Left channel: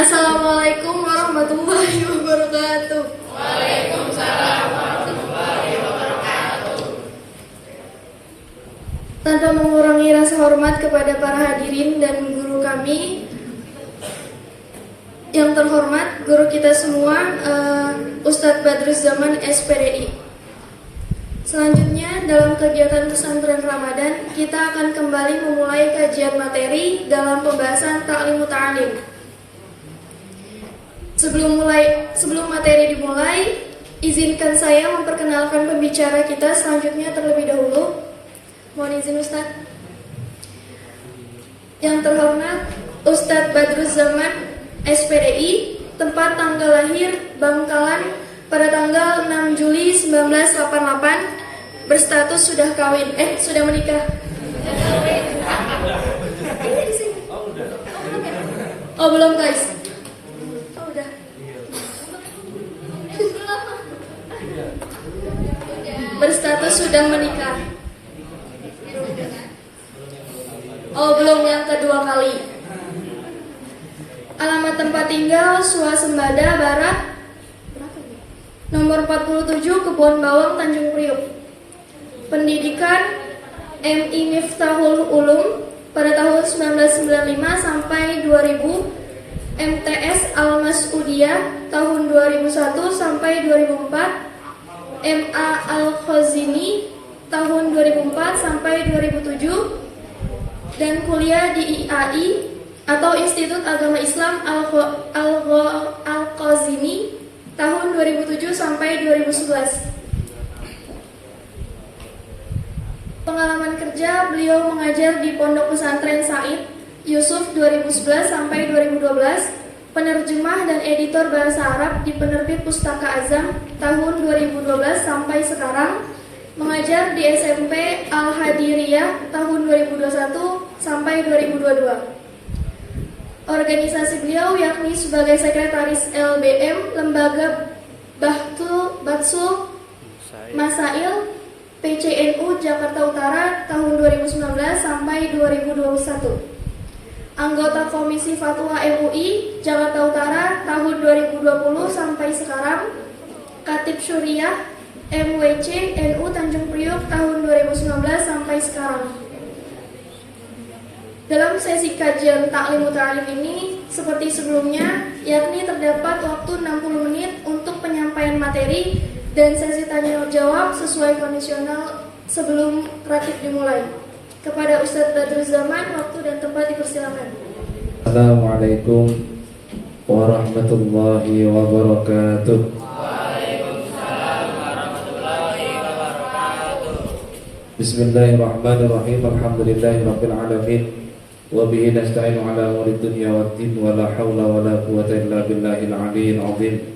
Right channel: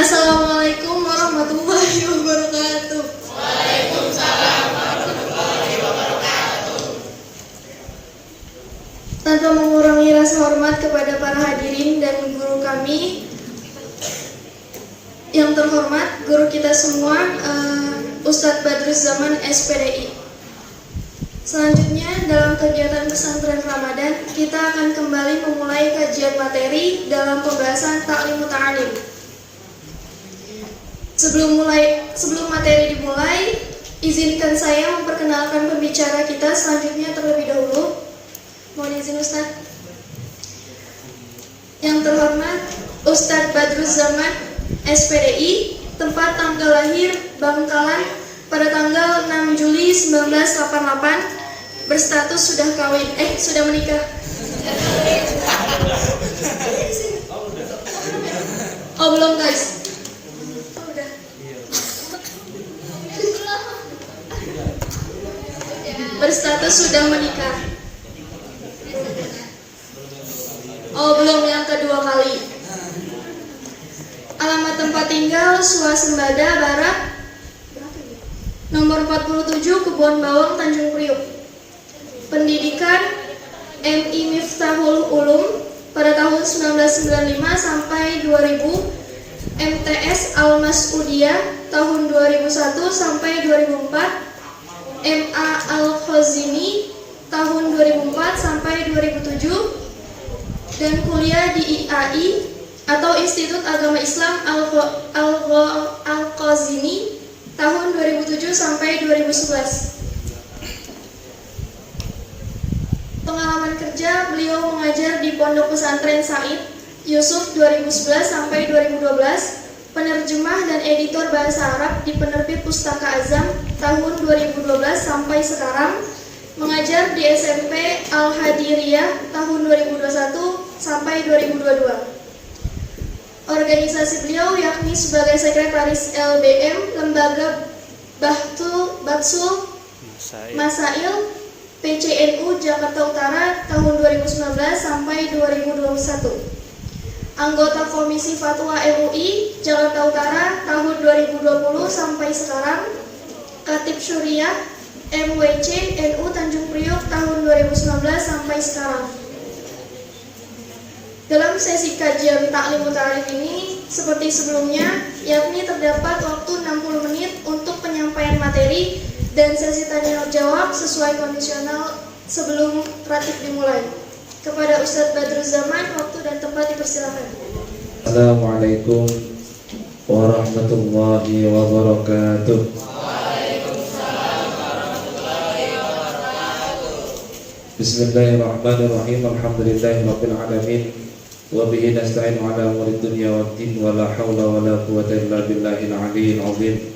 Assalamualaikum warahmatullahi wabarakatuh. Waalaikumsalam warahmatullahi wabarakatuh. Tanpa mengurangi rasa hormat kepada para hadirin dan guru kami yang terhormat, guru kita semua, Ustadz Badruz Zaman SPDI. Selanjutnya dalam kegiatan pesantren Ramadan, kita akan kembali memulai kajian materi dalam pembahasan Ta'lim Muta'alim. Sebelum materi dimulai, izinkan saya memperkenalkan pembicara kita selanjutnya terlebih dahulu. Mohon izin Ustadz. Yang terhormat Ustadz Badruz Zaman SPDI, tempat tanggal lahir Bangkalan pada tanggal 6 Juli 1988, berstatus sudah menikah. Oh belum guys. Berstatus sudah menikah. Oh belum, yang kedua kali. Alamat tempat tinggal Suasembada Barat nomor 47 Kebun Bawang Tanjung Priok. Pendidikan MI Miftahul Ulum pada tahun 1995 sampai 2000, MTS Al-Mas'udiyah tahun 2001 sampai 2004, MA Al-Khazini tahun 2004 sampai 2007, dan kuliah di IAI atau Institut Agama Islam Al-Khazini tahun 2007 sampai 2011. Pengalaman kerja, beliau mengajar di Pondok Pesantren Said Yusuf 2011 sampai 2012, penerjemah dan editor bahasa Arab di Penerbit Pustaka Azam tahun 2012 sampai sekarang, mengajar di SMP Al-Hadiriyah tahun 2021 sampai 2022. Organisasi beliau yakni sebagai Sekretaris LBM Lembaga Batsul Masail PCNU Jakarta Utara tahun 2019 sampai 2021. Anggota Komisi Fatwa MUI Jakarta Utara tahun 2020 sampai sekarang. Katib Syuriah MWC NU Tanjung Priok tahun 2019 sampai sekarang. Dalam sesi kajian Ta'lim Muta'alim ini, seperti sebelumnya, yakni terdapat waktu 60 menit untuk penyampaian materi dan sesi tanya jawab sesuai kondisional sebelum praktik dimulai. Kepada Ustadz Badruz Zaman, waktu dan tempat dipersilakan. Assalamualaikum warahmatullahi wabarakatuh. Waalaikumsalam warahmatullahi wabarakatuh. Bismillahirrahmanirrahim. Alhamdulillahirabbil alamin. Wa bihi nasta'inu ala umuri dunya waddin wa la haula wa la quwwata illa billahil aliyyil azim.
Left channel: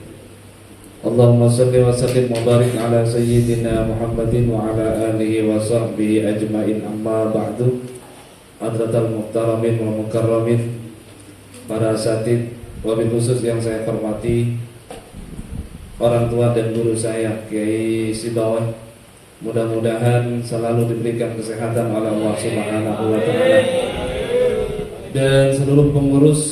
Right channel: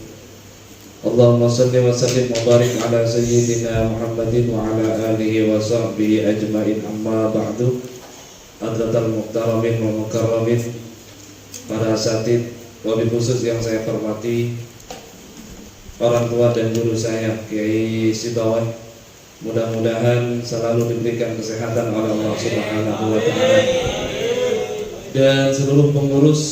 Allahumma salli wa sallim wa barik ala sayyidina Muhammadin wa ala alihi wa sahbihi ajma'in, amma ba'du. Hadratal muhtaramin wa mukarramin, para asatid, wabil khusus yang saya hormati, orang tua dan guru saya Kiai Sibawah, mudah-mudahan selalu diberikan kesehatan oleh Allah Subhanahu wa taala, dan seluruh pengurus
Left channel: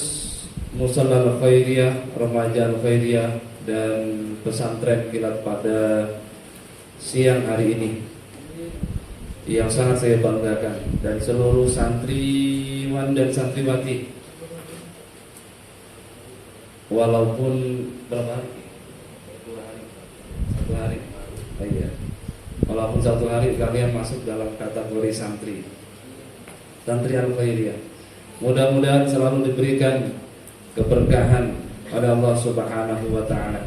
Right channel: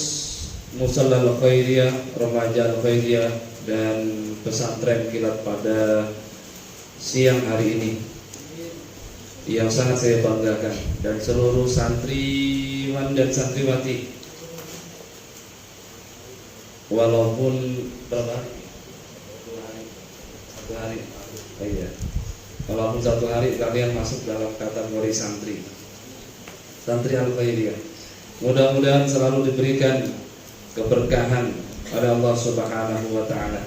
Musalla Al-Khairiyah, Remaja Al-Khairiyah, dan pesantren kilat pada siang hari ini yang sangat saya banggakan, dan seluruh santriwan dan santriwati, walaupun berapa hari? Satu hari. Oh iya. Walaupun satu hari kalian masuk dalam kategori santri Al-Khairiyah, mudah-mudahan selalu diberikan keberkahan oleh Allah Subhanahu wa taala.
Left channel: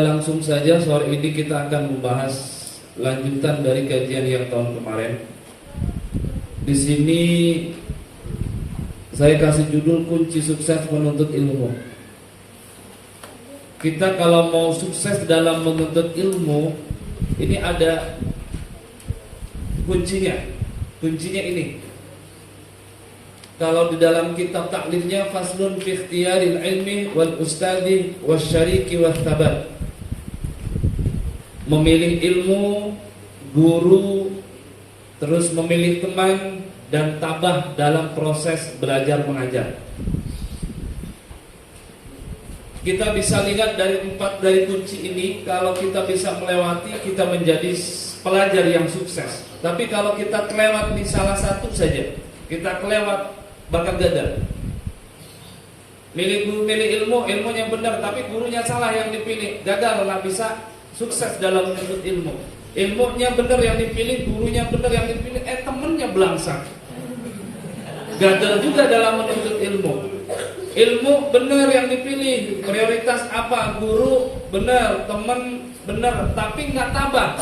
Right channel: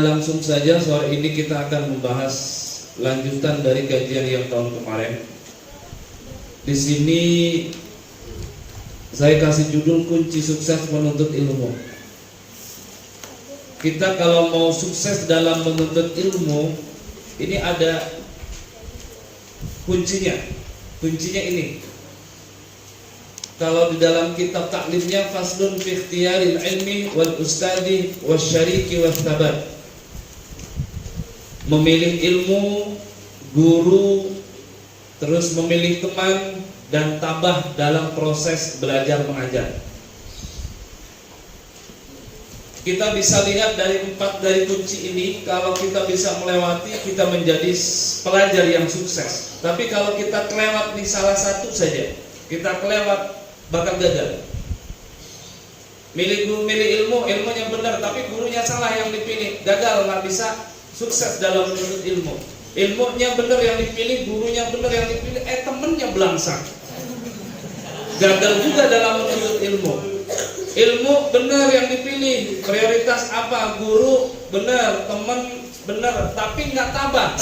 Langsung saja sore ini kita akan membahas lanjutan dari kajian yang tahun kemarin. Di sini saya kasih judul kunci sukses menuntut ilmu. Kita kalau mau sukses dalam menuntut ilmu, ini ada kuncinya. Kuncinya ini. Kalau di dalam kitab taklimnya, faslun fi ikhtiyaril ilmi wal ustadi wasyariki was sabat. Memilih ilmu guru, terus memilih teman, dan tabah dalam proses belajar mengajar. Kita bisa lihat dari 4 dari kunci ini, kalau kita bisa melewati, kita menjadi pelajar yang sukses. Tapi kalau kita kelewat di salah satu saja, kita kelewat, bakal gagal. Milih guru, milih ilmu, ilmunya benar, tapi gurunya salah yang dipilih, gagal, nggak bisa sukses dalam menuntut ilmu. Ilmunya benar yang dipilih, gurunya benar yang dipilih, temennya belangsang, gagal juga dalam menuntut ilmu. Ilmu benar yang dipilih, prioritas apa, guru benar, teman benar, tapi nggak tabah,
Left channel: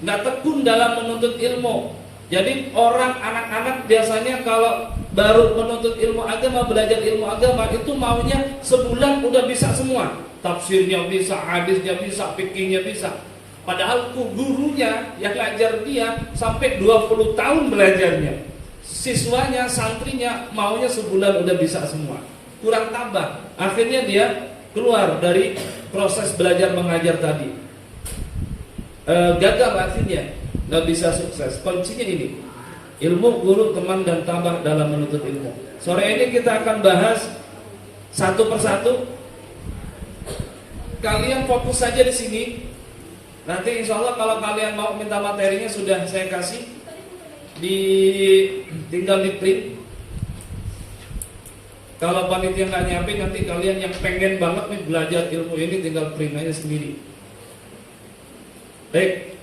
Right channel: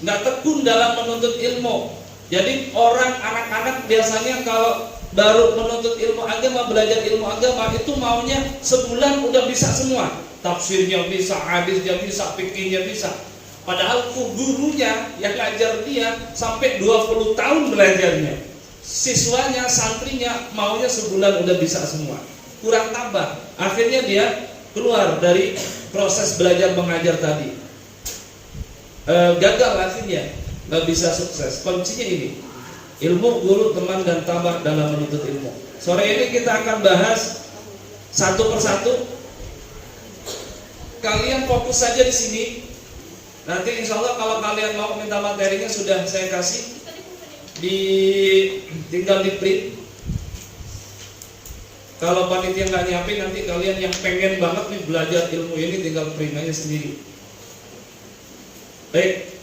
nggak tekun dalam menuntut ilmu. Jadi orang anak-anak biasanya kalau baru menuntut ilmu agama, belajar ilmu agama, itu maunya sebulan udah bisa semua, tafsirnya bisa, hadisnya bisa, fikihnya bisa. Padahal gurunya yang ngajar dia sampai 20 tahun belajarnya. Siswanya, santrinya maunya sebulan udah bisa semua, kurang tabah. Akhirnya dia keluar dari proses belajar mengajar tadi, gagal, akhirnya nggak bisa sukses. Kuncinya ini, ilmu, guru, teman, dan tabah dalam menuntut ilmu. Sore ini kita akan bahas satu persatu. Kalian fokus saja di sini. Nanti insya Allah kalau kalian mau minta materinya sudah saya kasih, tinggal di print. Kalau panitia nggak nyiapin, nanti kalian yang pengen banget nih belajar ilmu ini tinggal print aja sendiri. Baik.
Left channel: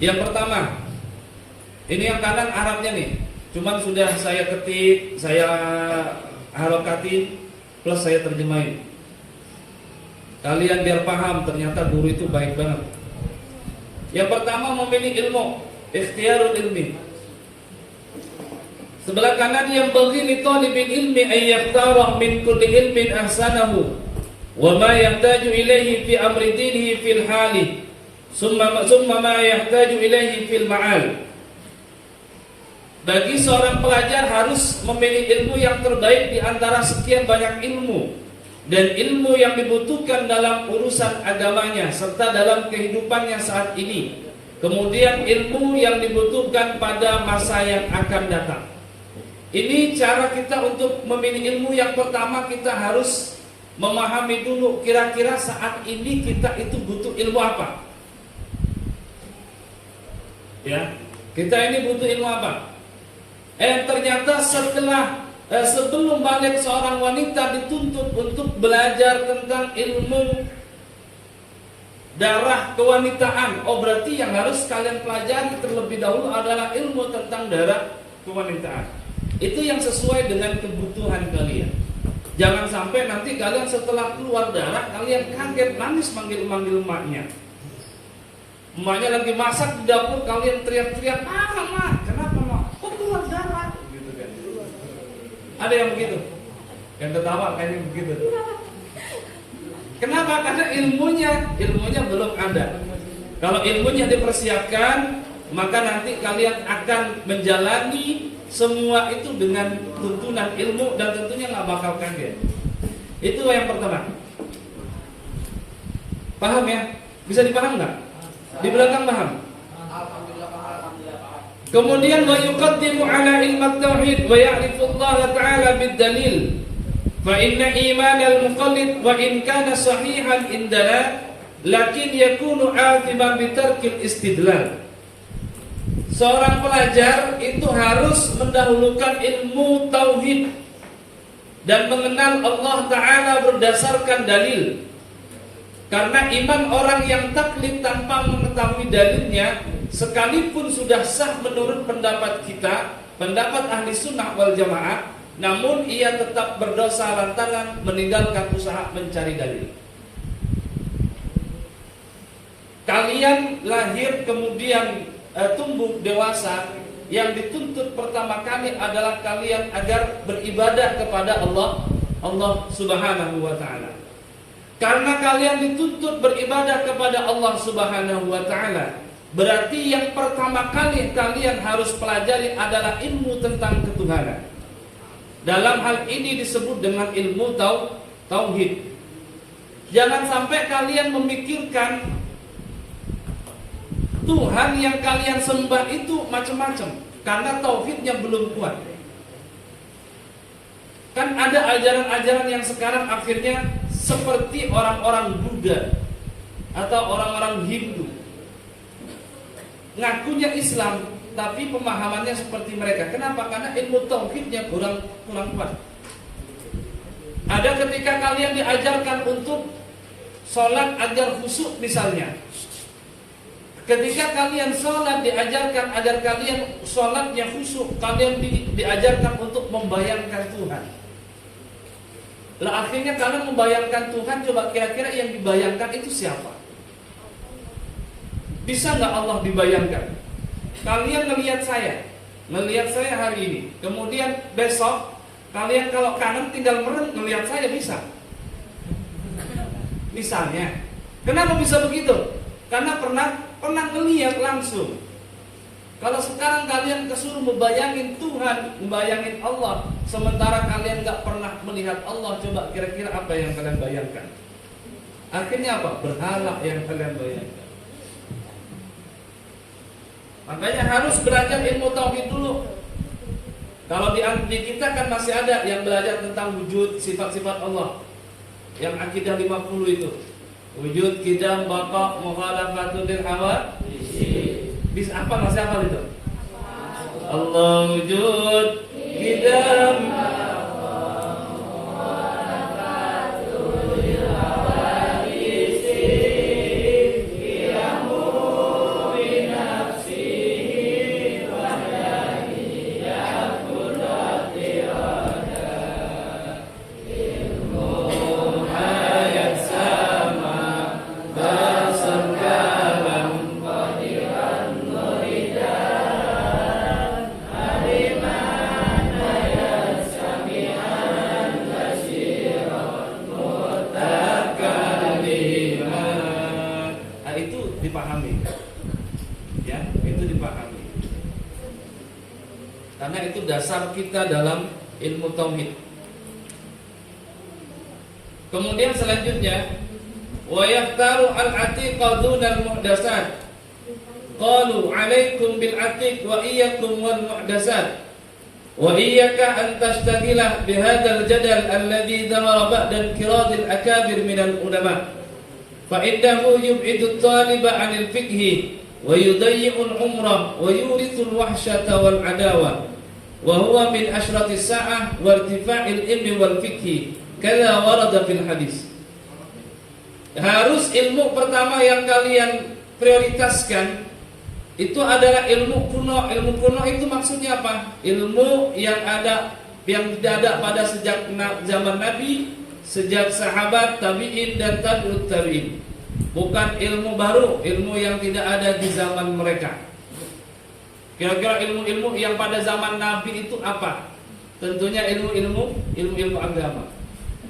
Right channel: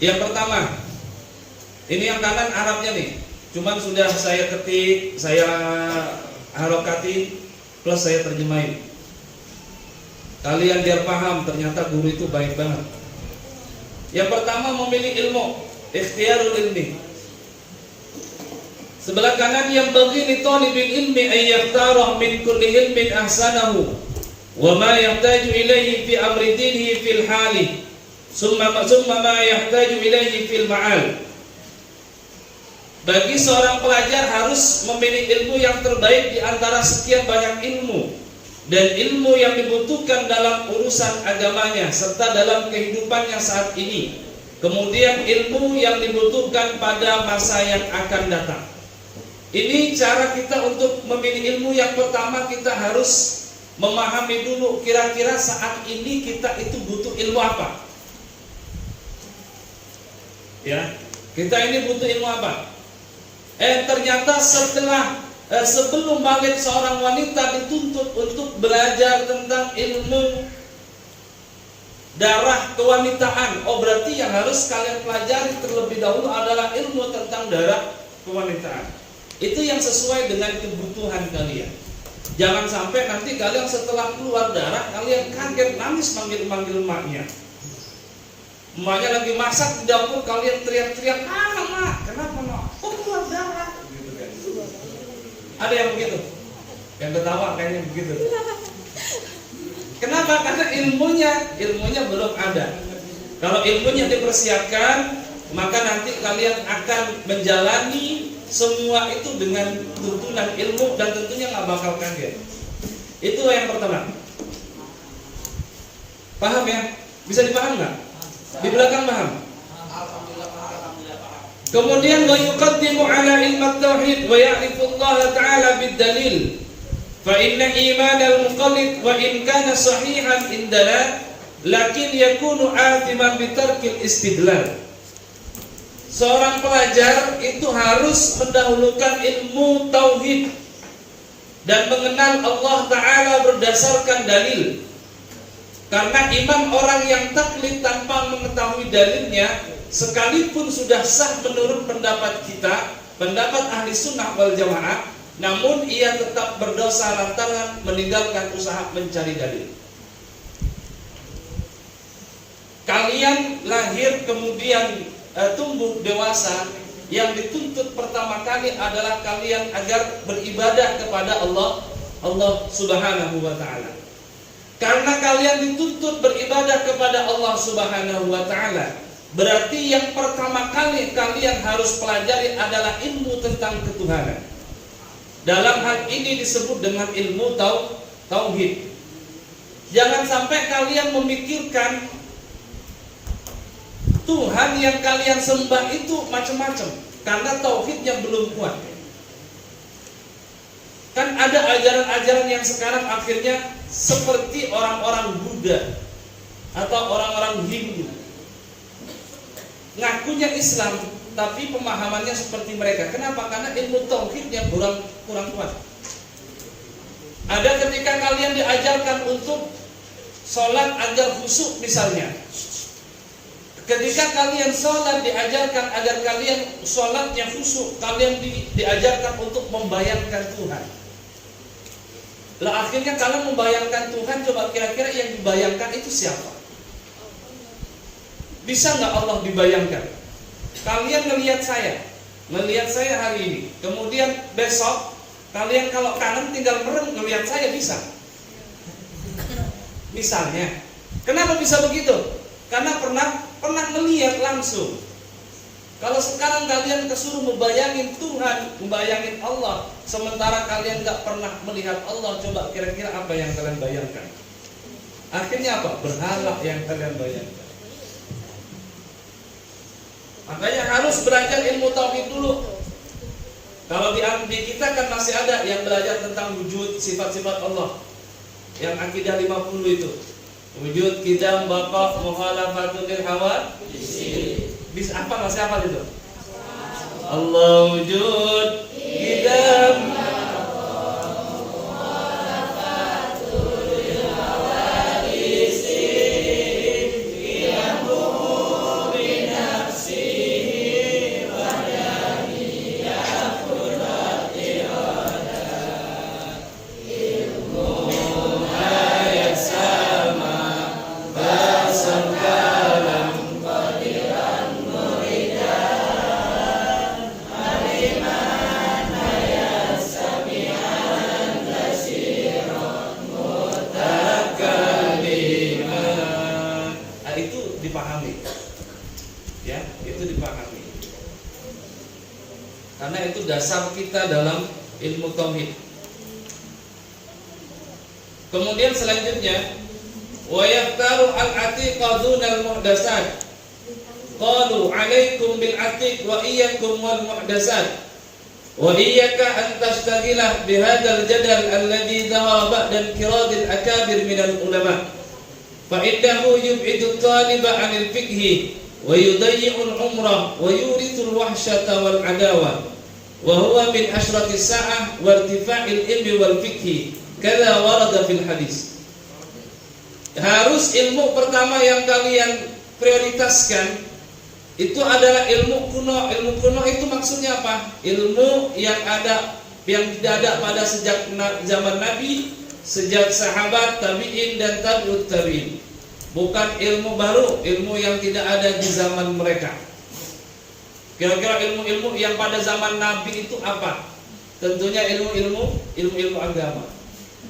Yang pertama, ini yang kanan Arabnya nih, cuman sudah saya ketik, saya harokatin, plus saya terjemahin. Kalian biar paham, ternyata guru itu baik banget. Yang pertama, memilih ilmu, ikhtiyarul ilmi. Sebelah kanan, yang bagi li talibil ilmi ayyaktarah min kulli ilmin ahsanahu wa ma yahtaju ilaihi fi amri dinihi fil hali summa ma yahtaju ilaihi fil ma'al. Bagi seorang pelajar harus memilih ilmu yang terbaik di antara sekian banyak ilmu, dan ilmu yang dibutuhkan dalam urusan agamanya serta dalam kehidupannya saat ini. Kemudian ilmu yang dibutuhkan pada masa yang akan datang. Ini cara kita untuk memilih ilmu. Yang pertama, kita harus memahami dulu kira-kira saat ini kita itu butuh ilmu apa. Ya, kita ini butuh ilmu apa? Ternyata sebelum balik seorang wanita dituntut untuk belajar tentang ilmu darah kewanitaan. Oh, berarti yang harus kalian pelajari terlebih dahulu adalah ilmu tentang darah kewanitaan. Itu yang sesuai dengan kebutuhan kalian. Jangan sampai nanti kalian setelah keluar darah kalian kaget, nangis manggil-manggil emaknya. Emaknya lagi masak di dapur, kalian teriak-teriak, "Mak, kenapa, Mak? Kok keluar darah?" Gitu kan. Ada yang begitu? Yang ketawa kayaknya begitu. Kenapa? Karena ilmunya belum ada. Kalau ilmunya dipersiapkan, maka nanti kalian akan menjalani semua itu dengan tuntunan ilmu dan tentunya nggak bakal kaget. Itu yang pertama. Paham ya? Bisa dipaham nggak? Di belakang paham? Kemudian wa yuqaddimu ala ilmat tauhid wa ya'rifu Allah ta'ala bid-dalil. Fa inna iman al-muqallid wa in kana sahihan indana lakin yakunu athiman bi tarkil istidlal. Seorang pelajar itu harus mendahulukan ilmu tauhid dan mengenal Allah Ta'ala berdasarkan dalil. Karena iman orang yang taklid tanpa mengetahui dalilnya, sekalipun sudah sah menurut pendapat kita, pendapat ahli sunnah wal jamaah, namun ia tetap berdosa lantaran meninggalkan usaha mencari dalil. Kalian lahir kemudian tumbuh dewasa, yang dituntut pertama kali adalah kalian agar beribadah kepada Allah Subhanahu wa ta'ala. Karena kalian dituntut beribadah kepada Allah Subhanahu wa ta'ala, berarti yang pertama kali kalian harus pelajari adalah ilmu tentang ketuhanan. Dalam hal ini disebut dengan ilmu tauhid. Jangan sampai kalian memikirkan Tuhan yang kalian sembah itu macam-macam karena tauhidnya belum kuat. Kan ada ajaran-ajaran yang sekarang akhirnya seperti orang-orang Buddha atau orang-orang Hindu. Ngakunya Islam tapi pemahamannya seperti mereka. Kenapa? Karena ilmu tauhidnya kurang kuat. Ada ketika kalian diajarkan untuk sholat agar khusyuk misalnya. Ketika kalian sholat diajarkan agar kalian sholatnya khusyuk, kalian diajarkan untuk membayangkan Tuhan. Lah akhirnya kalian membayangkan Tuhan, coba kira-kira yang dibayangkan itu siapa? Bisa nggak Allah dibayangkan? Kalian ngelihat saya hari ini, kemudian besok kalian kalau kangen tinggal merem ngelihat saya, bisa? Misalnya, kenapa bisa begitu? Karena pernah melihat langsung. Kalau sekarang kalian kesuruh membayangin Tuhan, membayangin Allah, sementara kalian nggak pernah melihat Allah, coba kira-kira apa yang kalian bayangkan? Akhirnya apa? Berhala yang kalian bayangkan. Makanya harus belajar ilmu tauhid dulu. Kalau di kita kan masih ada yang belajar tentang wujud sifat-sifat Allah, yang akidah 50 itu. Wujud, qidam, baqa, mukhalafatul hawa. Bis apa masih hafal itu? Allah wujud, qidam, dipahami, ya, itu dipahami. Karena itu dasar kita dalam ilmu tauhid. Kemudian selanjutnya, wa yaftaru al-atiqa dunal muhdasat. Qalu 'alaikum bil atiq wa iyyakum wal muhdasat. Wa iyyaka an tashtaghilah bihadzal jadal alladhi dawara ba'da inqiradil akabir minal ulama. فإنه يبعد الطالب عن الفقه ويضيع العمر ويورث الوحشة والعداوة وهو من أشرط الساعة وارتفاع العلم والفقه كذا ورد في الحديث. Harus ilmu pertama yang kalian prioritaskan itu adalah ilmu kuno. Ilmu kuno itu maksudnya apa? Ilmu yang tidak ada pada sejak zaman Nabi, sejak sahabat, tabi'in dan tabi'ut tabi'in. Bukan ilmu baru, ilmu yang tidak ada di zaman mereka. Kira-kira ilmu-ilmu yang pada zaman Nabi itu apa? Tentunya ilmu agama.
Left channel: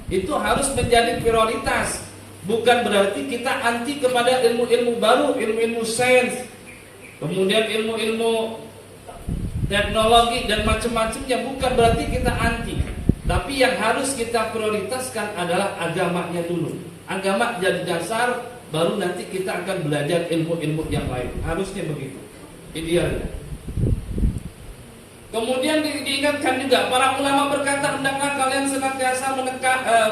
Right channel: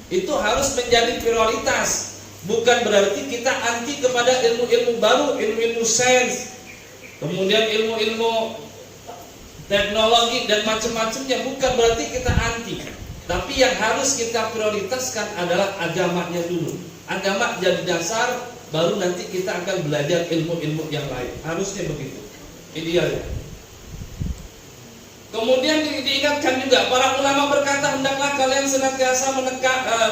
Itu harus menjadi prioritas. Bukan berarti kita anti kepada ilmu-ilmu baru, ilmu-ilmu sains, kemudian ilmu-ilmu teknologi dan macam-macamnya. Bukan berarti kita anti. Tapi yang harus kita prioritaskan adalah agamanya dulu. Agama jadi dasar, baru nanti kita akan belajar ilmu-ilmu yang lain. Harusnya begitu, idealnya. Kemudian diingatkan juga, para ulama berkata, hendaklah kalian senantiasa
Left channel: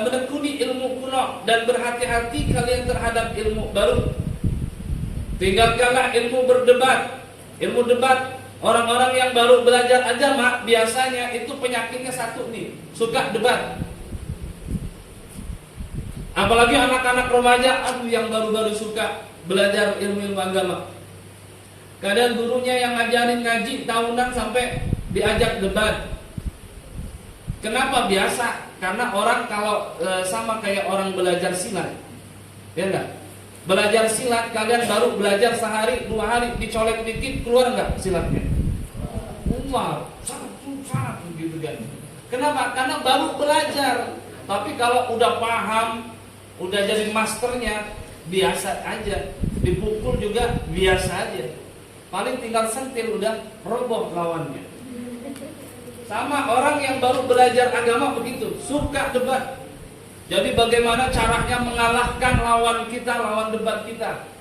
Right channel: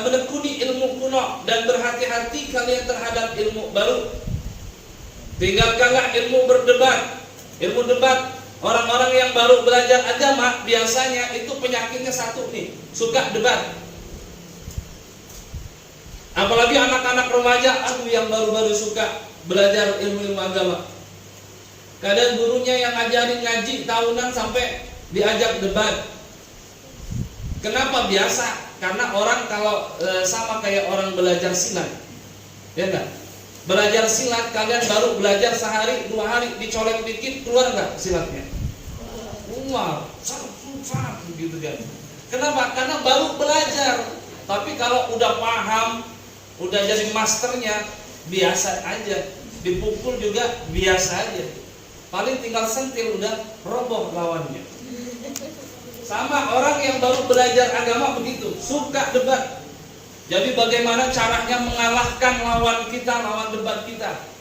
menekuni ilmu kuno dan berhati-hati kalian terhadap ilmu baru. Tinggalkanlah ilmu berdebat. Ilmu debat, orang-orang yang baru belajar agama biasanya itu penyakitnya satu nih, suka debat. Apalagi anak-anak remaja, yang baru-baru suka belajar ilmu-ilmu agama. Kadang gurunya yang ngajarin ngaji tahunan sampai diajak debat. Kenapa? Biasa. Karena orang kalau sama kayak orang belajar silat, ya enggak? Belajar silat, kalian baru belajar sehari, 2 hari, dicolek dikit, keluar enggak silatnya? Keluar, susah gitu kan. Kenapa? Karena baru belajar. Tapi kalau udah paham, udah jadi masternya, biasa aja. Dipukul juga biasa aja. Paling tinggal sentil udah roboh lawannya. Sama orang yang baru belajar agama begitu, suka debat. Jadi bagaimana caranya mengalahkan lawan kita, lawan debat kita.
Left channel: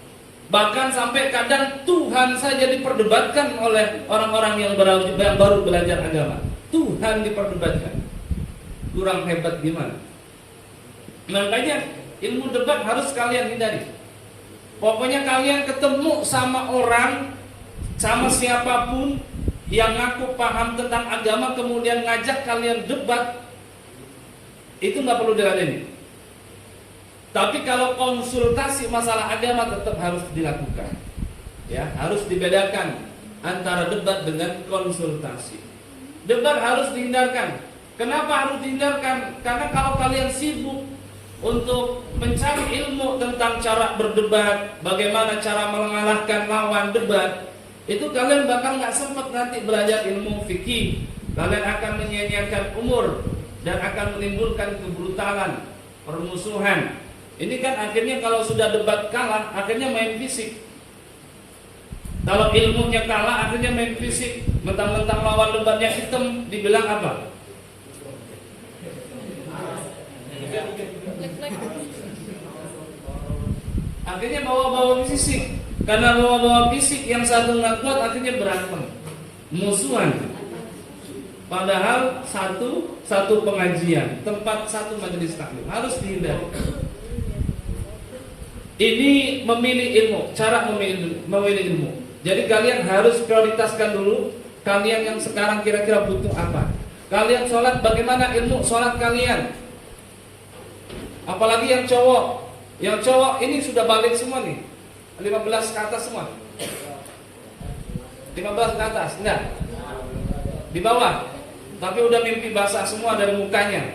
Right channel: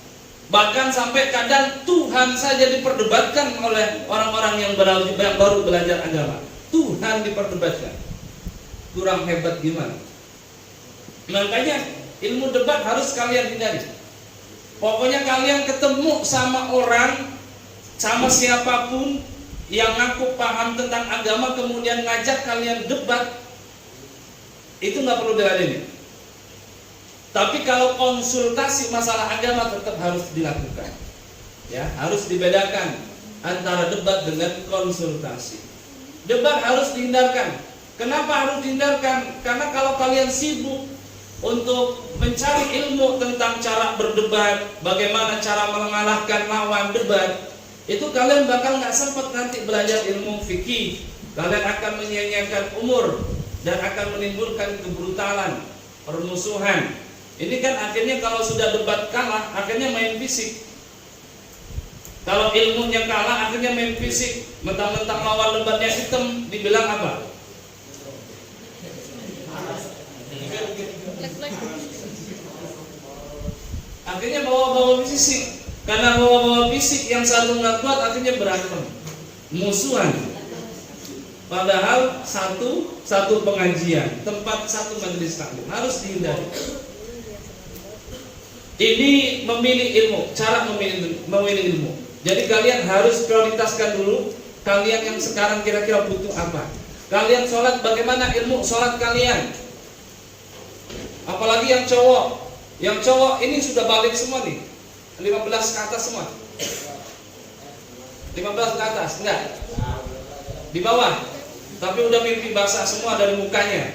Bahkan sampai kadang Tuhan saja diperdebatkan oleh orang-orang yang baru belajar agama. Tuhan diperdebatkan. Kurang hebat gimana? Makanya ilmu debat harus kalian hindari. Pokoknya kalian ketemu sama orang, sama siapapun yang ngaku paham tentang agama kemudian ngajak kalian debat, itu nggak perlu diladeni. Tapi kalau konsultasi masalah agama tetap harus dilakukan. Ya, harus dibedakan antara debat dengan konsultasi. Debat harus dihindarkan. Kenapa harus dihindarkan? Karena kalau kalian sibuk untuk mencari ilmu tentang cara berdebat, bagaimana cara mengalahkan lawan debat, itu kalian bakal nggak sempat nanti belajar ilmu fikih. Kalian akan menyia-nyiakan umur dan akan menimbulkan kebrutalan, permusuhan. Ini kan akhirnya kalau sudah debat kalah, akhirnya main fisik. Kalau ilmunya kalah, akhirnya main fisik. Mentang-mentang lawan debatnya hitam, dibilang apa? Akhirnya bawa-bawa fisik. Karena bawa-bawa fisik yang satu nggak kuat, akhirnya berantem, musuhan. Padahal satu pengajian, tempat satu majelis taklim harus dihindari. Ini memilih ilmu, cara memilih ilmu. Jadi kalian harus prioritaskan dulu kalian yang sekarang kira-kira butuh apa. Kalian sholat, bagaimana ilmu sholat kalian? Apalagi yang cowok. Yang cowok ini sudah balik semua nih, 15 ke atas semua. 15 ke atas, enggak? Di bawah. Tapi udah mimpi basah semua dari mukanya.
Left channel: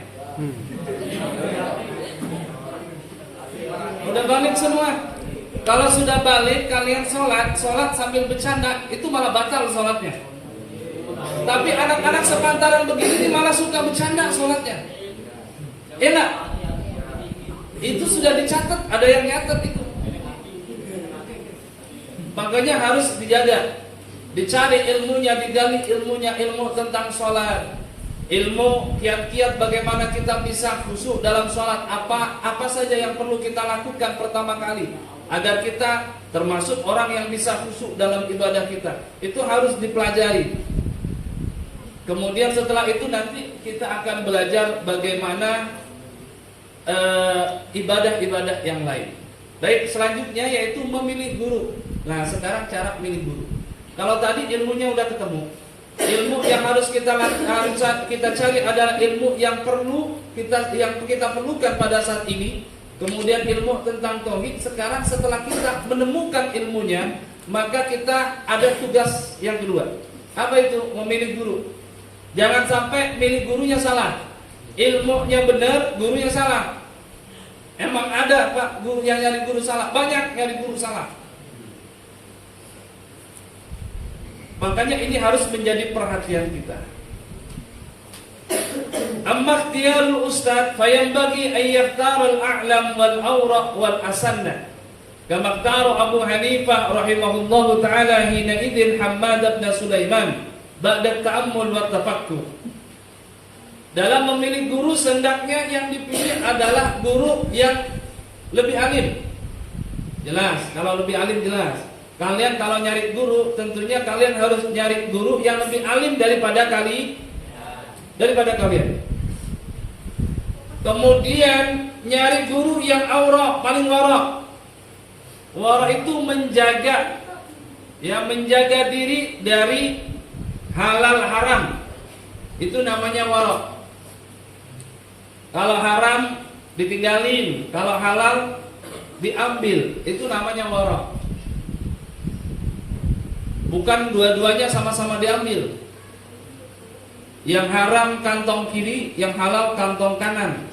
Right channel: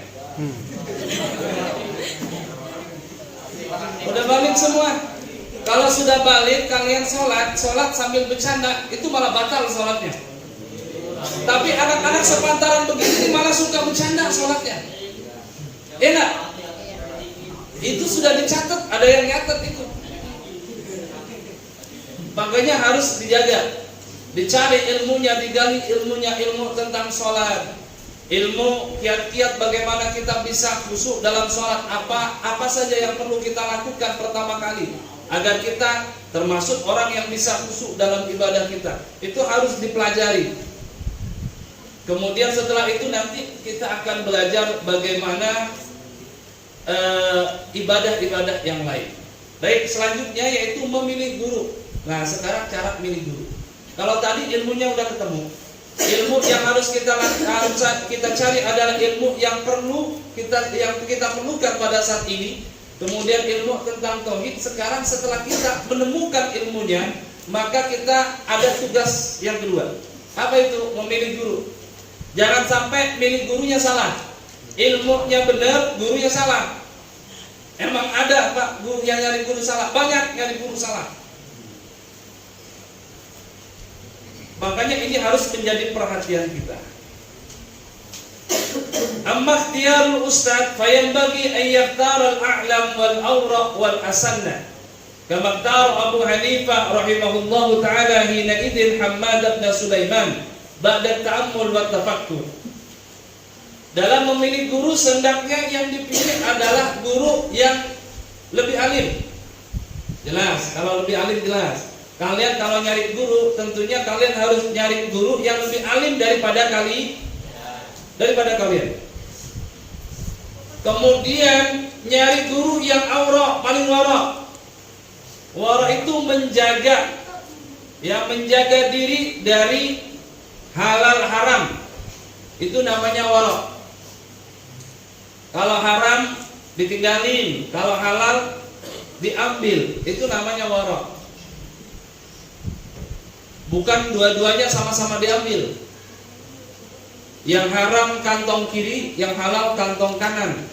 Udah balik semua. Kalau sudah balik, kalian sholat sambil bercanda, itu malah batal sholatnya. Tapi anak-anak sepantaran begini malah suka bercanda sholatnya. Enak. Itu sudah dicatat, ada yang nyatet itu. Makanya harus dijaga, dicari ilmunya, digali ilmunya, ilmu tentang sholat, ilmu kiat-kiat bagaimana kita bisa khusyuk dalam sholat, apa saja yang perlu kita lakukan pertama kali agar kita termasuk orang yang bisa khusyuk dalam ibadah kita. Itu harus dipelajari. Kemudian setelah itu nanti kita akan belajar bagaimana ibadah-ibadah yang lain. Baik, selanjutnya yaitu memilih guru. Nah, sekarang cara milih guru. Kalau tadi ilmunya udah ketemu, ilmu yang harus kita cari adalah ilmu yang kita perlukan pada saat ini. Kemudian ilmu tentang tauhid. Sekarang setelah kita menemukan ilmunya, maka kita ada tugas yang kedua. Apa itu? Memilih guru. Jangan sampai milih gurunya salah. Ilmunya benar, gurunya salah. Emang ada Pak guru yang nyari guru salah? Banyak nyari guru salah. Makanya ini harus menjadi perhatian kita. Amma ikhtiyarul ustad fayanbaghi an yakhtara al-a'lam wal awraq wal asanna. Kama ikhtara Abu Hanifah rahimahullahu taala hina idin Hammad bin Sulaiman ba'da ta'ammul wa tafakkur. Dalam memilih guru, hendaknya yang dipilih adalah guru yang lebih alim. Jelas, kalau lebih alim jelas. Kalian kalau nyari guru, tentunya kalian harus nyari guru yang lebih alim daripada kalian. Kemudian nyari guru yang aura, paling wara. Wara itu menjaga diri dari halal haram. Itu namanya wara. Kalau haram ditinggalin, kalau halal diambil, itu namanya wara. Bukan dua-duanya sama-sama diambil. Yang haram kantong kiri, yang halal kantong kanan.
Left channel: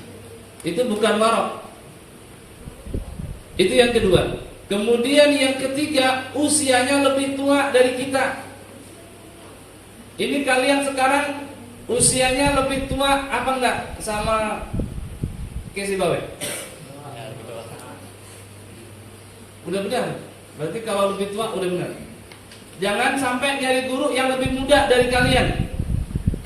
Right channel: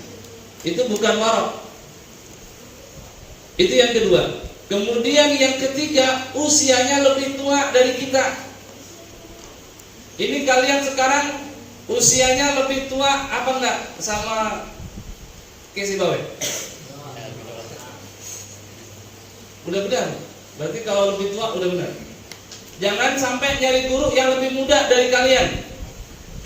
Itu bukan wara. Itu yang kedua. Kemudian yang ketiga, usianya lebih tua dari kita. Ini kalian sekarang usianya lebih tua apa enggak sama Kesi Bawe? Udah benar. Berarti kalau lebih tua udah benar. Jangan sampai nyari guru yang lebih muda dari kalian.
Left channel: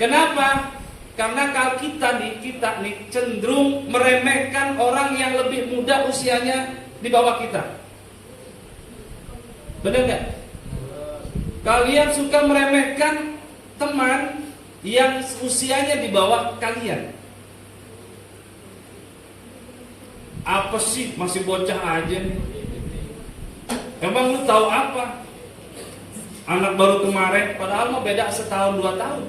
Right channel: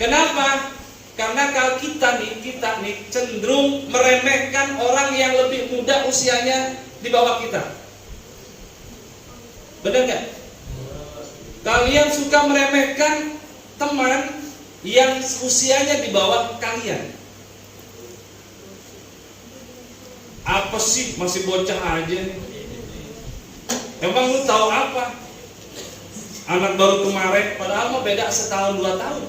Kenapa? Karena kalau kita nih cenderung meremehkan orang yang lebih muda usianya di bawah kita. Benar nggak? Kalian suka meremehkan teman yang usianya di bawah kalian. Apa sih, masih bocah aja nih. Emang lu tahu apa? Anak baru kemarin, padahal mah beda setahun 2 tahun.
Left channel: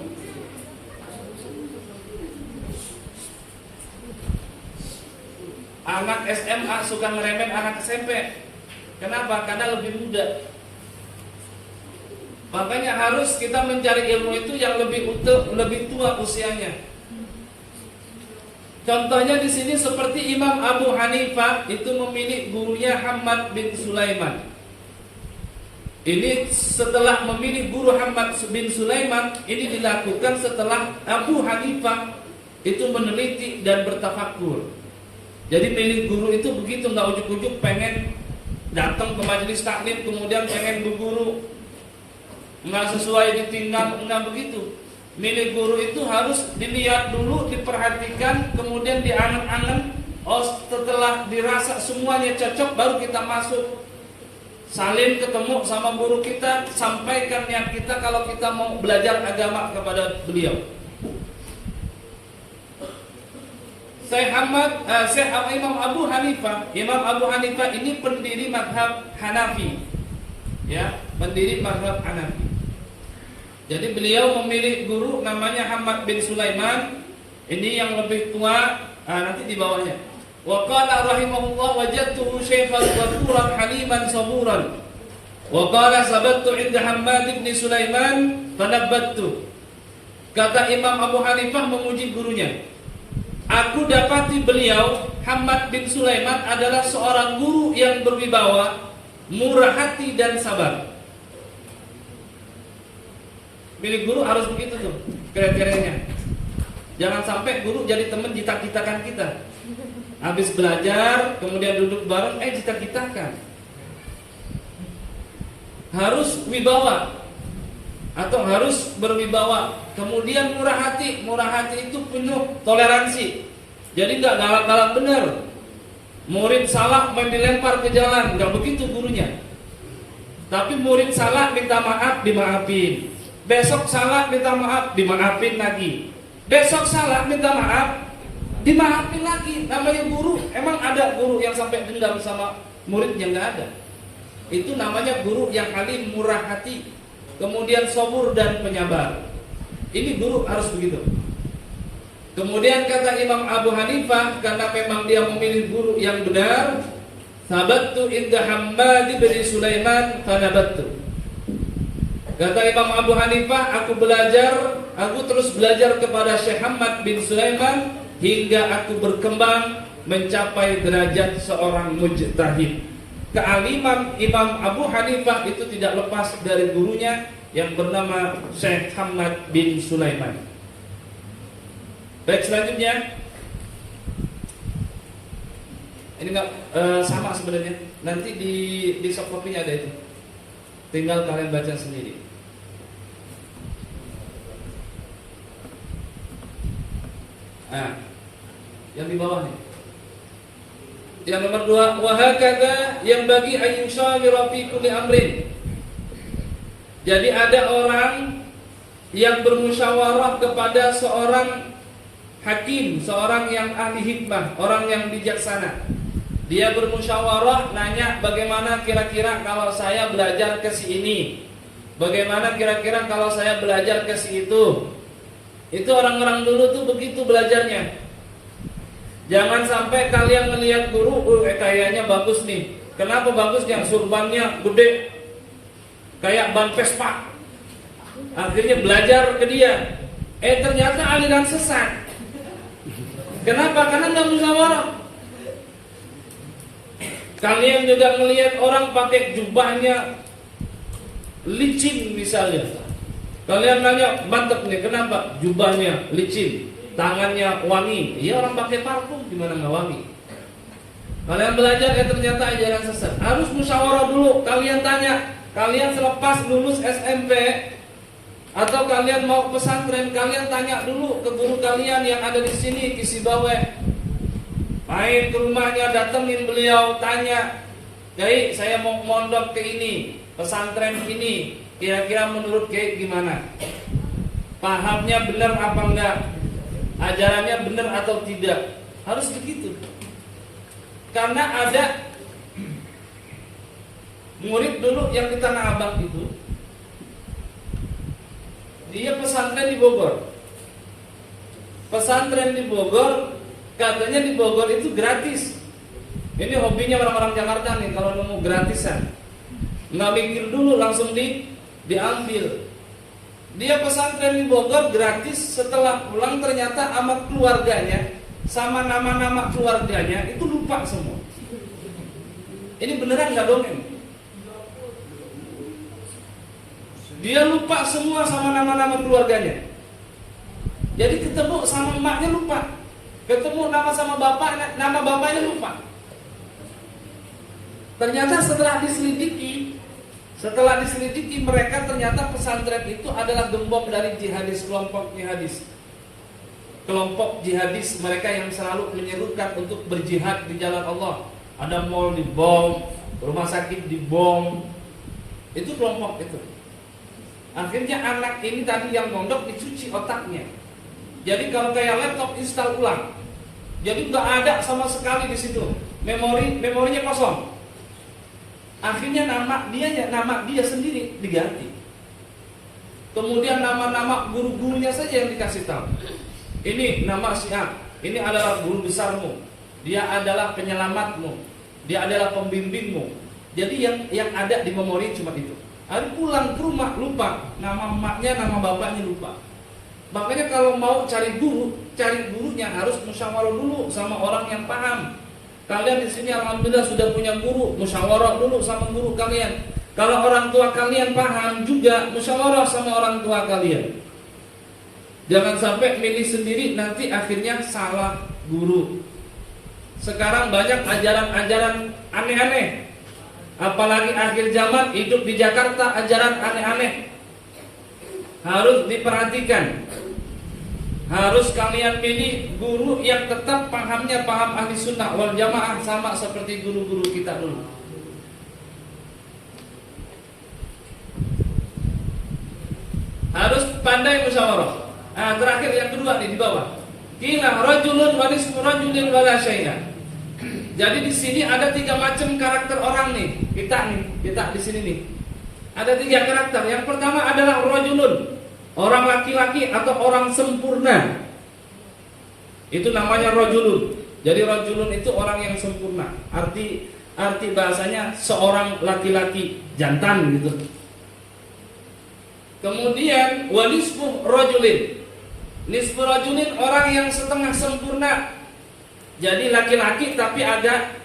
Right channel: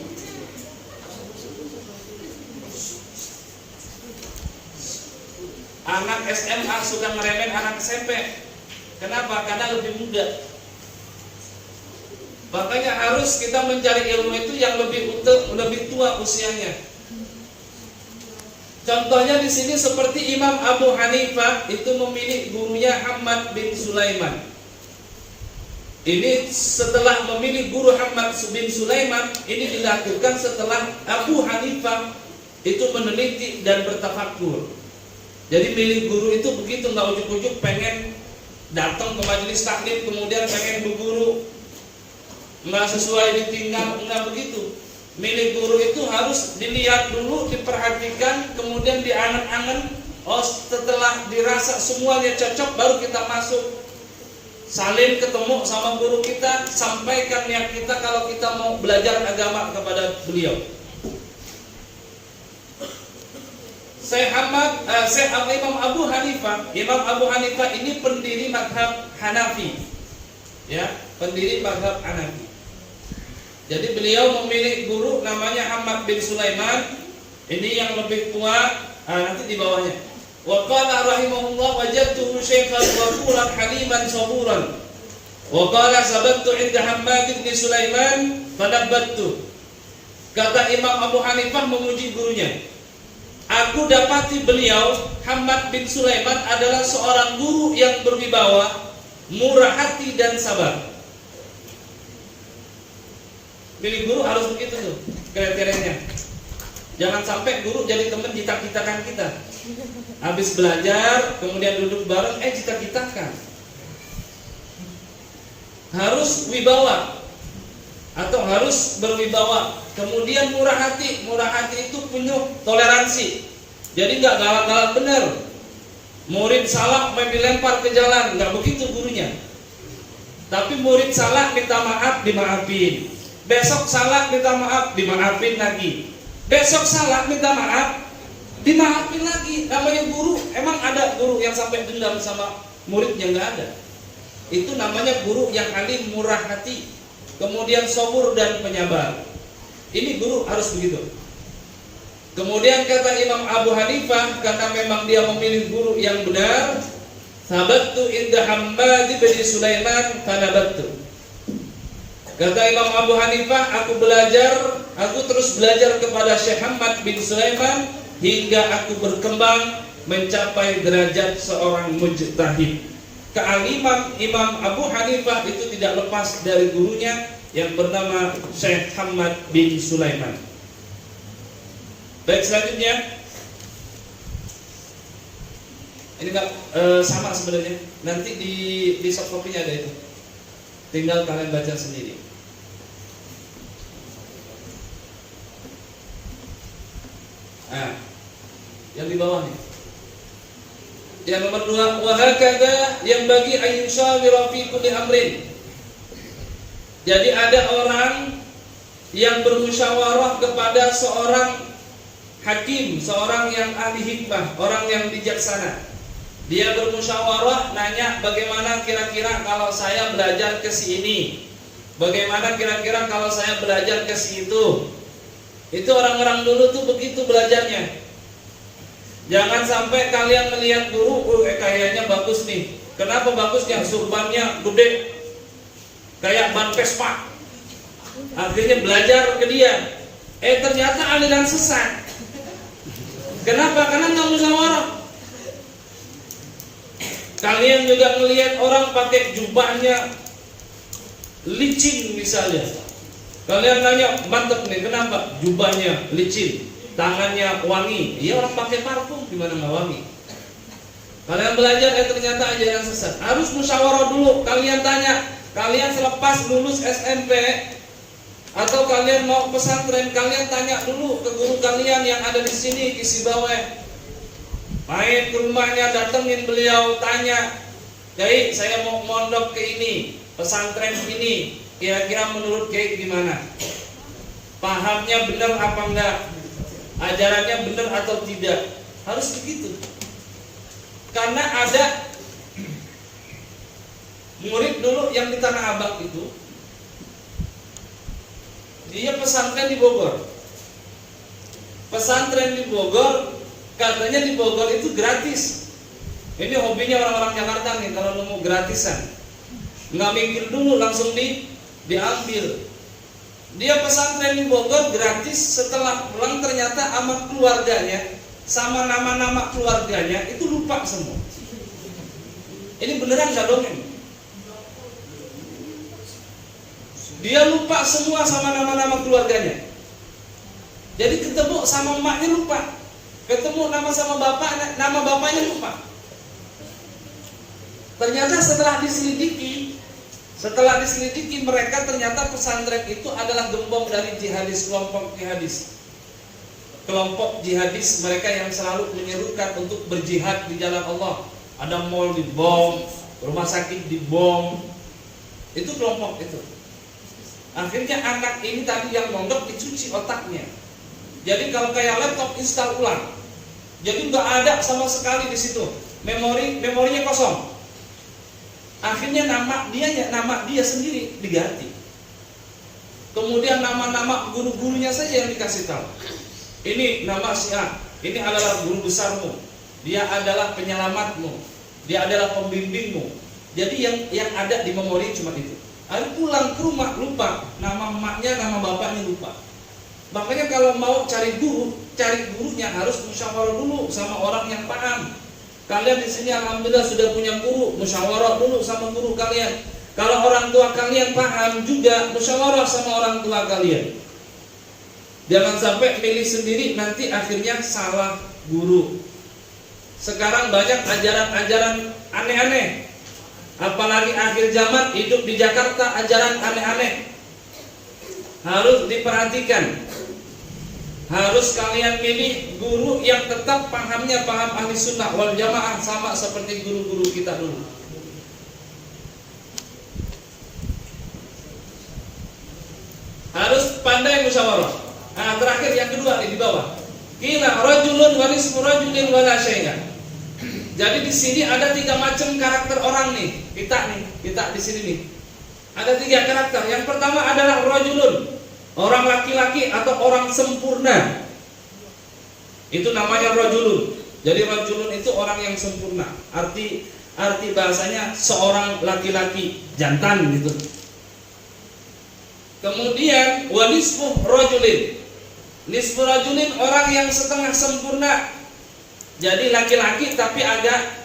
Anak SMA suka ngeremehin anak SMP. Kenapa? Karena lebih muda. Makanya harus kita mencari ilmu itu yang lebih tua usianya. Contohnya di sini seperti Imam Abu Hanifah itu memilih gurunya Hammad bin Sulaiman. Ini setelah memilih guru Hammad bin Sulaiman, ini dilakukan setelah Abu Hanifah itu meneliti dan bertafakur. Jadi milih guru itu begitu, nggak ujuk-ujuk pengen datang ke majelis taklim kemudian pengen berguru, nggak sesuai ditinggal, nggak begitu. Milih guru itu harus dilihat dulu, diperhatikan, kemudian diangen-angen. Oh, setelah dirasa semuanya cocok, baru kita masuk. Saling ketemu sama guru kita, sampaikan niat kita kalau kita mau belajar agama kepada beliau. Imam Abu Hanifah ini pendiri mazhab Hanafi. Ya, pendiri mazhab Hanafi. Jadi beliau memilih guru namanya Hammad bin Sulaiman. Ini yang lebih tua, nanti di bawahnya. Wa qala rahimahullah wajadtuhu syaikhan waquran haliman saburan. Wa qala sabattu 'inda Hammad bin Sulaiman fanabbattu. Kata Imam Abu Hanifah memuji gurunya. Aku dapati beliau Hammad bin Sulaiman adalah seorang guru yang berwibawa, murah hati dan sabar. Milih guru harus begitu tuh kriterianya. Jangan sampai guru jadi teman cita-citakan kita. Habis belajar, kemudian duduk bareng, cita-citakan. Harus wibawa atau harus berwibawa. Kemudian murah hati itu penuh toleransi. Jadi nggak galak-galak benar. Murid salah main dilempar ke jalan, nggak begitu gurunya. Tapi murid salah minta maaf, dimaafin. Besok salah minta maaf, dimaafin lagi. Besok salah minta maaf, dimaafin lagi. Namanya guru. Emang ada guru yang sampai dendam sama muridnya? Nggak ada. Itu namanya guru yang alim, murah hati, kemudian sabur dan penyabar. Ini guru harus begitu. Kemudian kata Imam Abu Hanifah, karena memang dia memilih guru yang benar, sabattu inda Hammad bin Sulaiman fanabattu. Kata Imam Abu Hanifah, aku terus belajar kepada Syekh Hammad bin Sulaiman hingga aku berkembang mencapai derajat seorang mujtahid. Kealiman Imam Abu Hanifah itu tidak lepas dari gurunya yang bernama Syekh Hammad bin Sulaiman. Baik, selanjutnya ini enggak sama sebenarnya. Nanti di soft copy-nya ada itu. Tinggal kalian baca sendiri. Yang di bawah nih. Yang nomor 2, wa hakadha yang bagi ayyushawira fi kulli amrin. Jadi ada orang yang bermusyawarah kepada seorang hakim, seorang yang ahli hikmah, orang yang bijaksana. Dia bermusyawarah, nanya bagaimana kira-kira kalau saya belajar ke sini, bagaimana kira-kira kalau saya belajar ke situ. Itu orang-orang dulu tuh begitu belajarnya. Jangan sampai kalian melihat guru, kayaknya bagus nih. Kenapa bagusnya? Surbannya gede, kayak ban Vespa. Akhirnya belajar ke dia. Ternyata aliran sesat. Kenapa? Karena nggak musyawarah. Kalian juga melihat orang pakai jubahnya licin misalnya. Kalian nanya, mantep nih, kenapa? Jubahnya licin, tangannya wangi. Iya, orang pakai parfum, gimana nggak wangi? Kalian belajar, ternyata ajaran sesat. Harus musyawarah dulu. Kalian tanya, kalian selepas lulus SMP, Atau kalian mau pesantren, kalian tanya dulu ke guru kalian yang ada di sini, Ki Sibawe. Main ke rumahnya, datengin beliau, tanya, Kiai, saya mau mondok ke ini, pesantren ini, kira-kira menurut Kiai gimana? Pahamnya benar apa enggak? Ajarannya benar atau tidak? Harus begitu. Karena ada murid dulu yang di Tanah Abang itu, dia pesantren di Bogor. Pesantren di Bogor, katanya di Bogor itu gratis. Ini hobinya orang-orang Jakarta nih, kalau nemu gratisan, nggak mikir dulu, langsung diambil. Dia pesantren di Bogor gratis, setelah pulang ternyata sama keluarganya, sama nama-nama keluarganya itu lupa semua. Ini beneran nggak dongeng? Dia lupa semua sama nama-nama keluarganya. Jadi ketemu sama emaknya lupa, ketemu sama bapak, nama bapaknya lupa. Ternyata setelah diselidiki mereka ternyata pesantren itu adalah gembong dari jihadis, kelompok jihadis. Kelompok jihadis mereka yang selalu menyerukan untuk berjihad di jalan Allah. Ada mall dibom, rumah sakit dibom. Itu kelompok itu. Akhirnya anak ini tadi yang mondok dicuci otaknya. Jadi kalau kayak laptop install ulang. Jadi nggak ada sama sekali di situ. Memorinya kosong. Akhirnya nama dia sendiri diganti. Kemudian nama-nama guru-gurunya saja yang dikasih tahu. Ini nama si A, ini adalah guru besarmu. Dia adalah penyelamatmu. Dia adalah pembimbingmu. Jadi yang ada di memori cuma itu. Hari pulang ke rumah lupa, nama emaknya, nama bapaknya lupa. Makanya kalau mau cari gurunya harus musyawarah dulu sama orang yang paham. Kalian di sini alhamdulillah sudah punya guru, musyawarah dulu sama guru kalian. Kalau orang tua kalian paham juga, musyawarah sama orang tua kalian. Jangan sampai milih sendiri nanti akhirnya salah guru. Sekarang banyak ajaran-ajaran aneh-aneh. Apalagi akhir zaman, hidup di Jakarta ajaran aneh-aneh. Harus diperhatikan. Harus kalian pilih guru yang tetap pahamnya paham ahli sunnah wal jamaah, sama seperti guru-guru kita dulu. Harus pandai musyawarah. Nah, terakhir yang kedua nih di bawah. Qila rajulun wa nisfu rajulin wa la syai'a. Jadi di sini ada 3 macam karakter orang nih. Kita di sini nih. Ada 3 karakter. Yang pertama adalah rajulun. Orang laki-laki atau orang sempurna. Itu namanya rajulun. Jadi rajulun itu orang yang sempurna. Arti bahasanya seorang laki-laki jantan gitu. Kemudian wa nisfu rajulin. Nisfu rajulin orang yang setengah sempurna. Jadi laki-laki tapi agak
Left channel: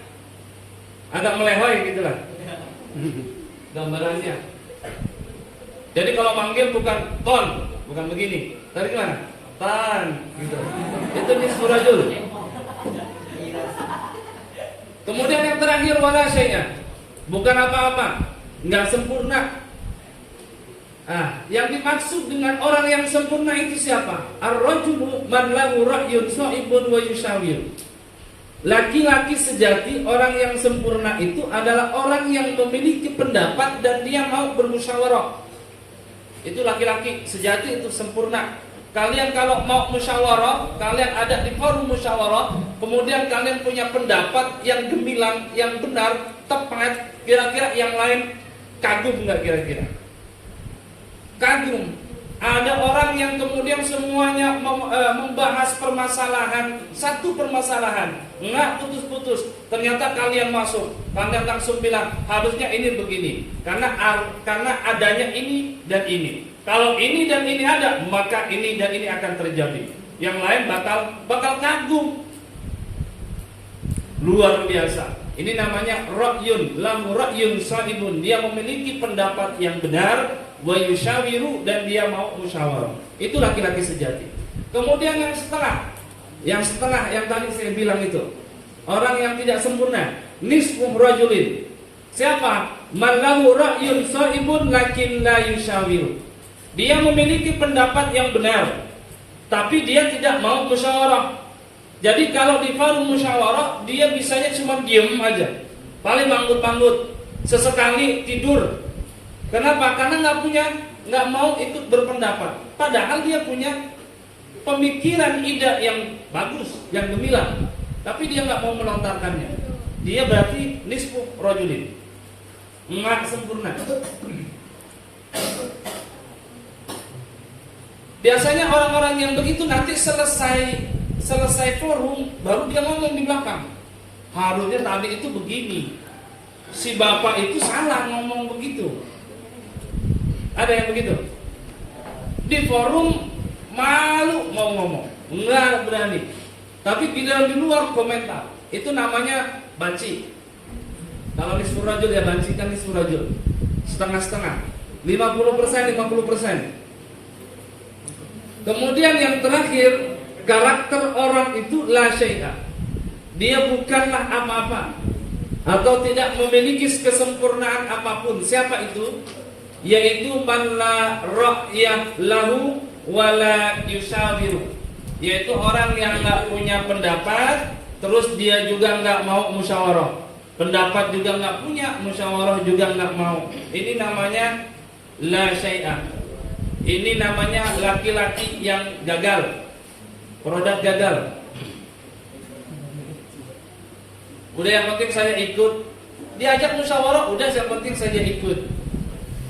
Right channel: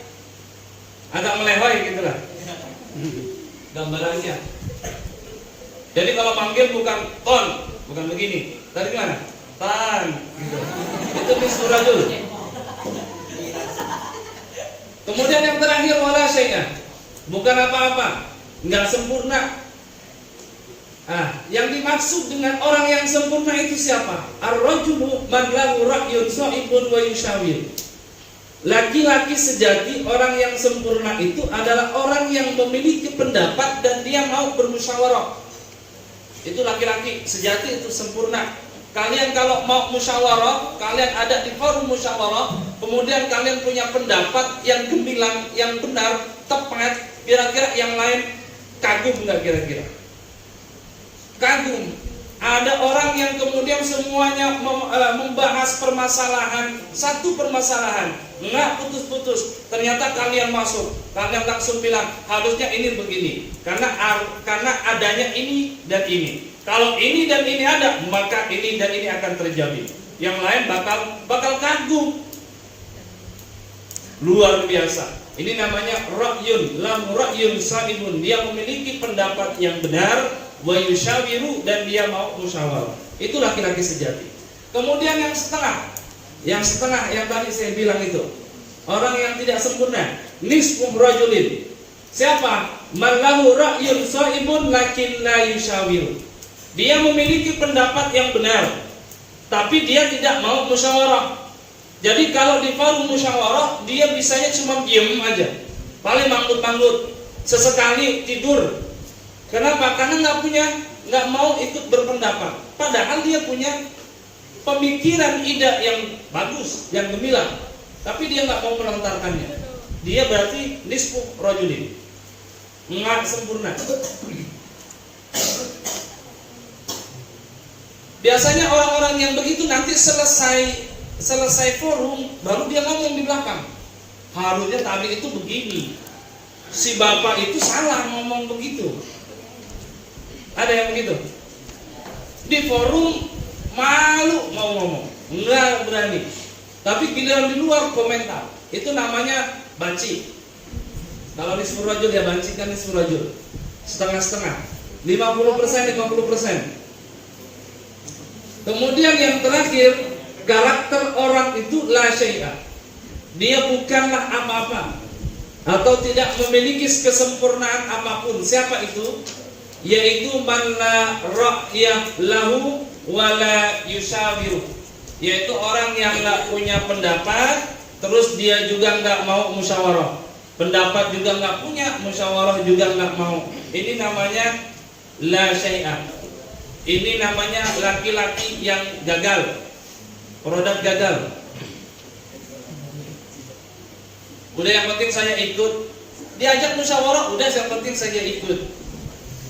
melehoi gitulah. Gambarannya. Jadi kalau manggil bukan ton, bukan begini. Tadi gimana? Tan gitu. Itu nisfu rajul. Kemudian yang terakhir wala syai'a. Bukan apa-apa, enggak sempurna. Yang dimaksud dengan orang yang sempurna itu siapa? Ar-rajulu man lahu ra'yun sha'ibun wa yushawir. Laki-laki sejati, orang yang sempurna itu adalah orang yang memiliki pendapat dan dia mau bermusyawarah. Itu laki-laki sejati, itu sempurna. Kalian kalau mau musyawarah, kalian ada di forum musyawarah, kemudian kalian punya pendapat yang gemilang, yang benar, tepat, kira-kira yang lain kagum nggak kira-kira? Kagum. Ada orang yang kemudian semuanya membahas permasalahan, satu permasalahan, nggak putus-putus. Ternyata kalian masuk, kalian langsung bilang harusnya ini begini, karena adanya ini dan ini. Kalau ini dan ini ada, maka ini dan ini akan terjadi. Yang lain bakal kagum. Luar biasa. Ini namanya ra'yun, lahu ra'yun sa'ibun. Dia memiliki pendapat yang benar. Wa yushawiru, dan dia mau musyawarah. Itu laki-laki sejati. Kemudian yang setengah yang tadi saya bilang itu, orang yang tidak sempurna, nisfu rajulin. Siapa? Man lahu ra'yun sha'ibun lakin la yushawiru. Dia memiliki pendapat yang benar, tapi dia tidak mau musyawarah. Jadi kalau di forum musyawarah, dia bisanya cuma diem aja, paling manggut-manggut, sesekali tidur. Kenapa? Karena nggak mau ikut berpendapat. Padahal dia punya pemikiran, ide yang bagus, yang gemilang, tapi dia nggak mau melontarkannya. Dia berarti nisfu rajulin, nggak sempurna. Biasanya orang-orang yang begitu nanti selesai forum baru dia ngomong di belakang. Harusnya tadi itu begini, si bapak itu salah ngomong begitu. Ada yang begitu? Di forum malu mau ngomong, nggak berani. Tapi giliran di luar komentar, itu namanya banci. Kalau nisfur rajul ya banci kan nisfur rajul, setengah-setengah, 50%, 50%. Kemudian yang terakhir, karakter orang itu la syai'a. Dia bukanlah apa-apa atau tidak memiliki kesempurnaan apapun. Siapa itu? Yaitu man la ra'yah lahu wa la yushawiru. Yaitu orang yang enggak punya pendapat, terus dia juga enggak mau musyawarah. Pendapat juga enggak punya, musyawarah juga enggak mau. Ini namanya la syai'a. Ini namanya laki-laki yang gagal, produk gagal. Udah yang penting saya ikut, diajak musyawarah, udah yang penting saya ikut.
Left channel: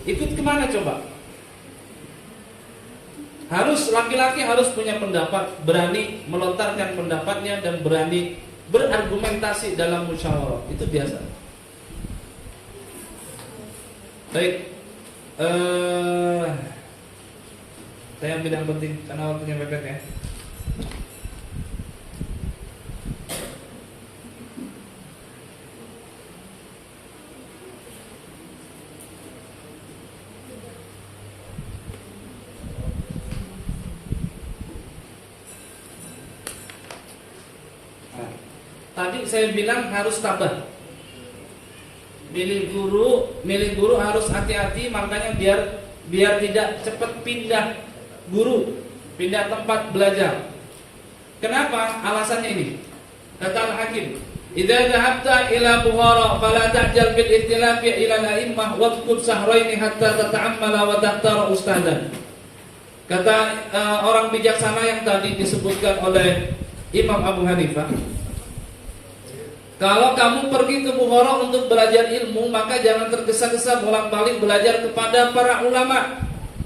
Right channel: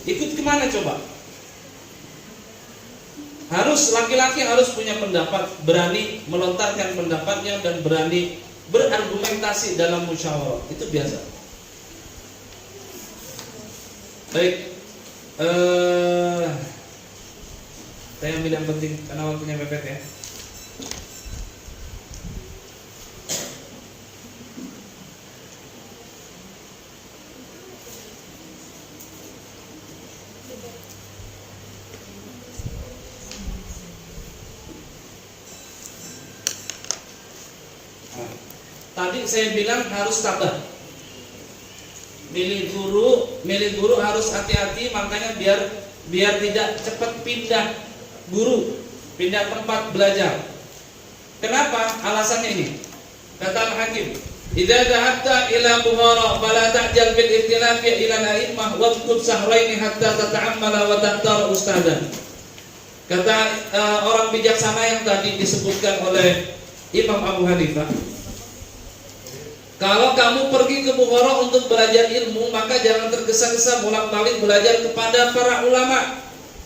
Ikut kemana coba? Harus laki-laki harus punya pendapat, berani melontarkan pendapatnya dan berani berargumentasi dalam musyawarah. Itu biasa. Baik. Saya ambil yang penting karena waktunya mepet ya. Tadi saya bilang harus tabah. Milih guru harus hati-hati, makanya biar tidak cepat pindah guru, pindah tempat belajar. Kenapa? Alasannya ini. Kata Al-Hakim, "Idza dhahabta ila Bukhara fala ta'jal bil ikhtilafi ila al-a'immah wadkhul sahrayn hatta tata'ammala wa tahtara ustadan." Kata orang bijaksana yang tadi disebutkan oleh Imam Abu Hanifah, kalau kamu pergi ke Bukhara untuk belajar ilmu, maka jangan tergesa-gesa bolak-balik belajar kepada para ulama.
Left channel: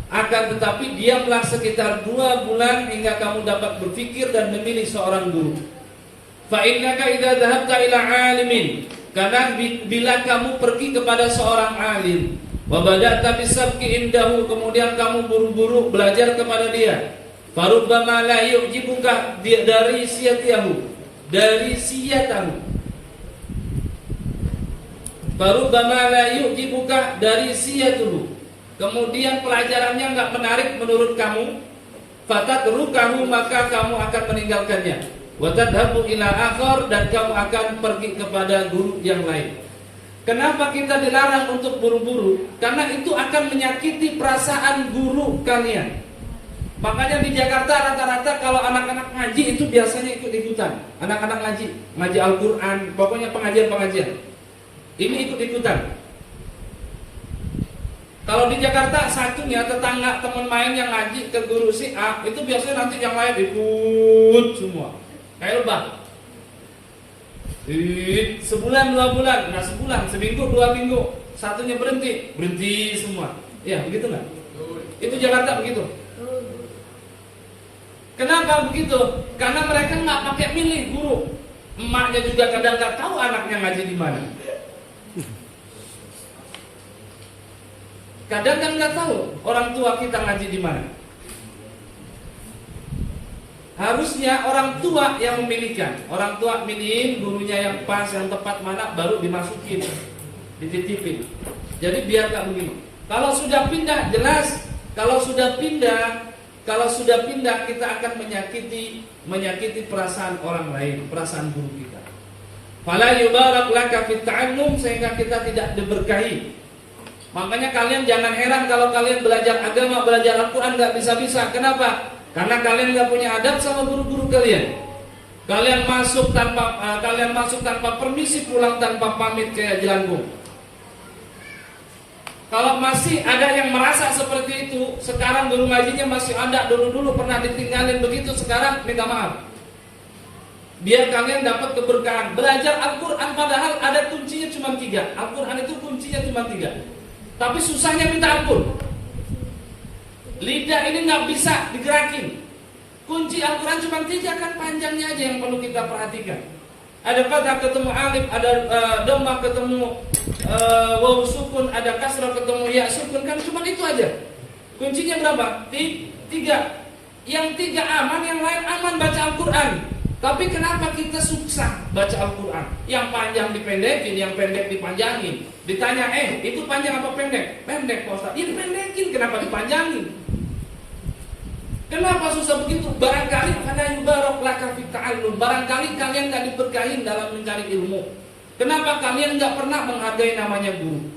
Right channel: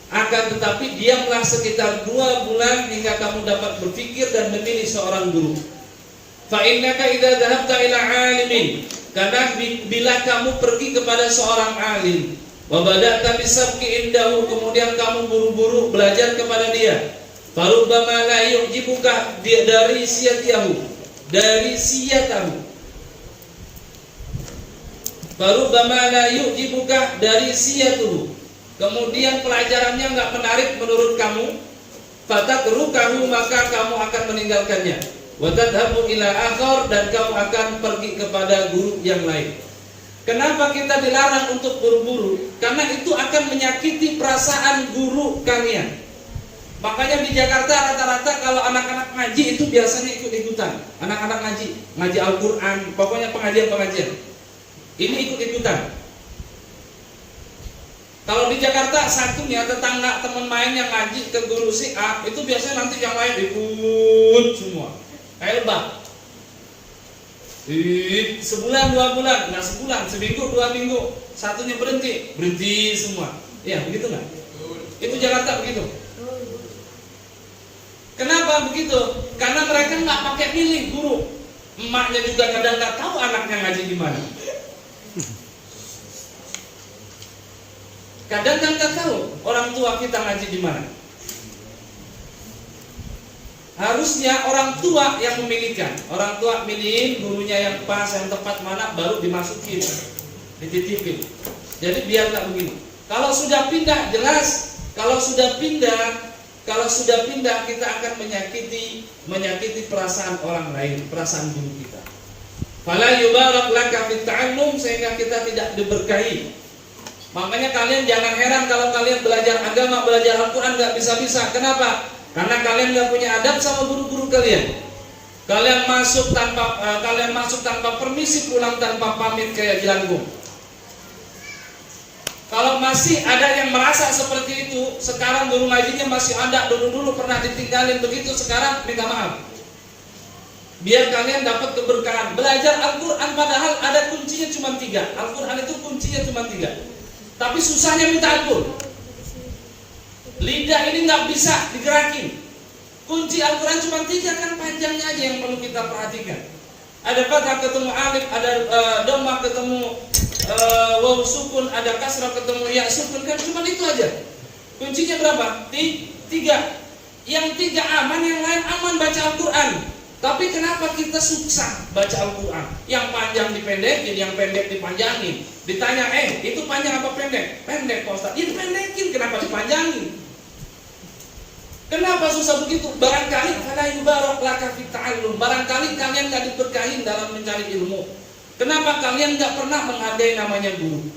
Akan tetapi diamlah sekitar 2 bulan hingga kamu dapat berpikir dan memilih seorang guru. Fa innaka idza dhahabta ila 'alimin, karena bila kamu pergi kepada seorang alim, wa bada'ta bisabqi indahu, kemudian kamu buru-buru belajar kepada dia, farubbama la yu'jibuka dari siyatahu, farubbama la yu'jibuka dari siyatuhu. Kemudian pelajarannya enggak menarik menurut kamu, fatatrukahu, maka kamu akan meninggalkannya. Wa tadhabu ila akhar, dan kamu akan pergi kepada guru yang lain. Kenapa kita dilarang untuk buru-buru? Karena itu akan menyakiti perasaan guru kalian. Makanya di Jakarta rata-rata kalau anak-anak ngaji itu biasanya ikut-ikutan. Anak-anak ngaji Al-Qur'an, pokoknya pengajian-pengajian. Ini ikut-ikutan. Kalau di Jakarta satunya tetangga teman main yang ngaji ke guru si A, itu biasanya nanti yang lain ikut semua. Kayak lebah. Sebulan 2 bulan, nah sebulan, seminggu 2 minggu, satunya berhenti semua. Iya, begitu nggak? Itu Jakarta begitu. Kenapa begitu? Karena mereka nggak pakai milih guru. Emaknya juga kadang nggak tahu anaknya ngaji di mana. Kadang kan nggak tahu orang tua kita ngaji di mana. Harusnya orang tua yang memilihkan. Orang tua milihin gurunya yang pas, yang tepat mana, baru dimasukin, dititipin. Jadi biar nggak begini. Kalau sudah pindah jelas. Kalau sudah pindah kita akan menyakiti perasaan orang lain, perasaan guru kita. Fala yubarak laka fit ta'allum, sehingga kita tidak diberkahi Makanya kalian jangan heran kalau kalian belajar agama, belajar Al-Quran nggak bisa-bisa. Kenapa? Karena kalian nggak punya adab sama guru-guru kalian. Kalian masuk tanpa permisi, pulang tanpa pamit kayak jelangkung. Kalau masih ada yang merasa seperti itu, sekarang guru ngajinya masih ada, dulu pernah ditinggalin begitu, sekarang minta maaf. Biar kalian dapat keberkahan. Belajar Al-Quran padahal ada kuncinya cuma 3. Al-Quran itu kuncinya cuma 3. Tapi susahnya minta ampun. Lidah ini nggak bisa digerakin. Kunci Al-Quran cuma 3, kan panjangnya aja yang perlu kita perhatikan. Ada fathah ketemu alif, ada dhammah ketemu waw sukun, ada kasrah ketemu ya sukun, kan cuma itu aja. Kuncinya berapa? 3. Yang 3 aman, yang lain aman baca Al-Quran. Tapi kenapa kita susah baca Al-Quran? Yang panjang dipendekin, yang pendek dipanjangin. Ditanya, itu panjang apa pendek? Pendek Pak Ustaz. Ini pendekin, kenapa dipanjangin? Kenapa susah begitu? Barangkali fala yubarak laka fi ta'allum. Barangkali kalian gak diberkahin dalam mencari ilmu. Kenapa kalian gak pernah menghargai namanya guru?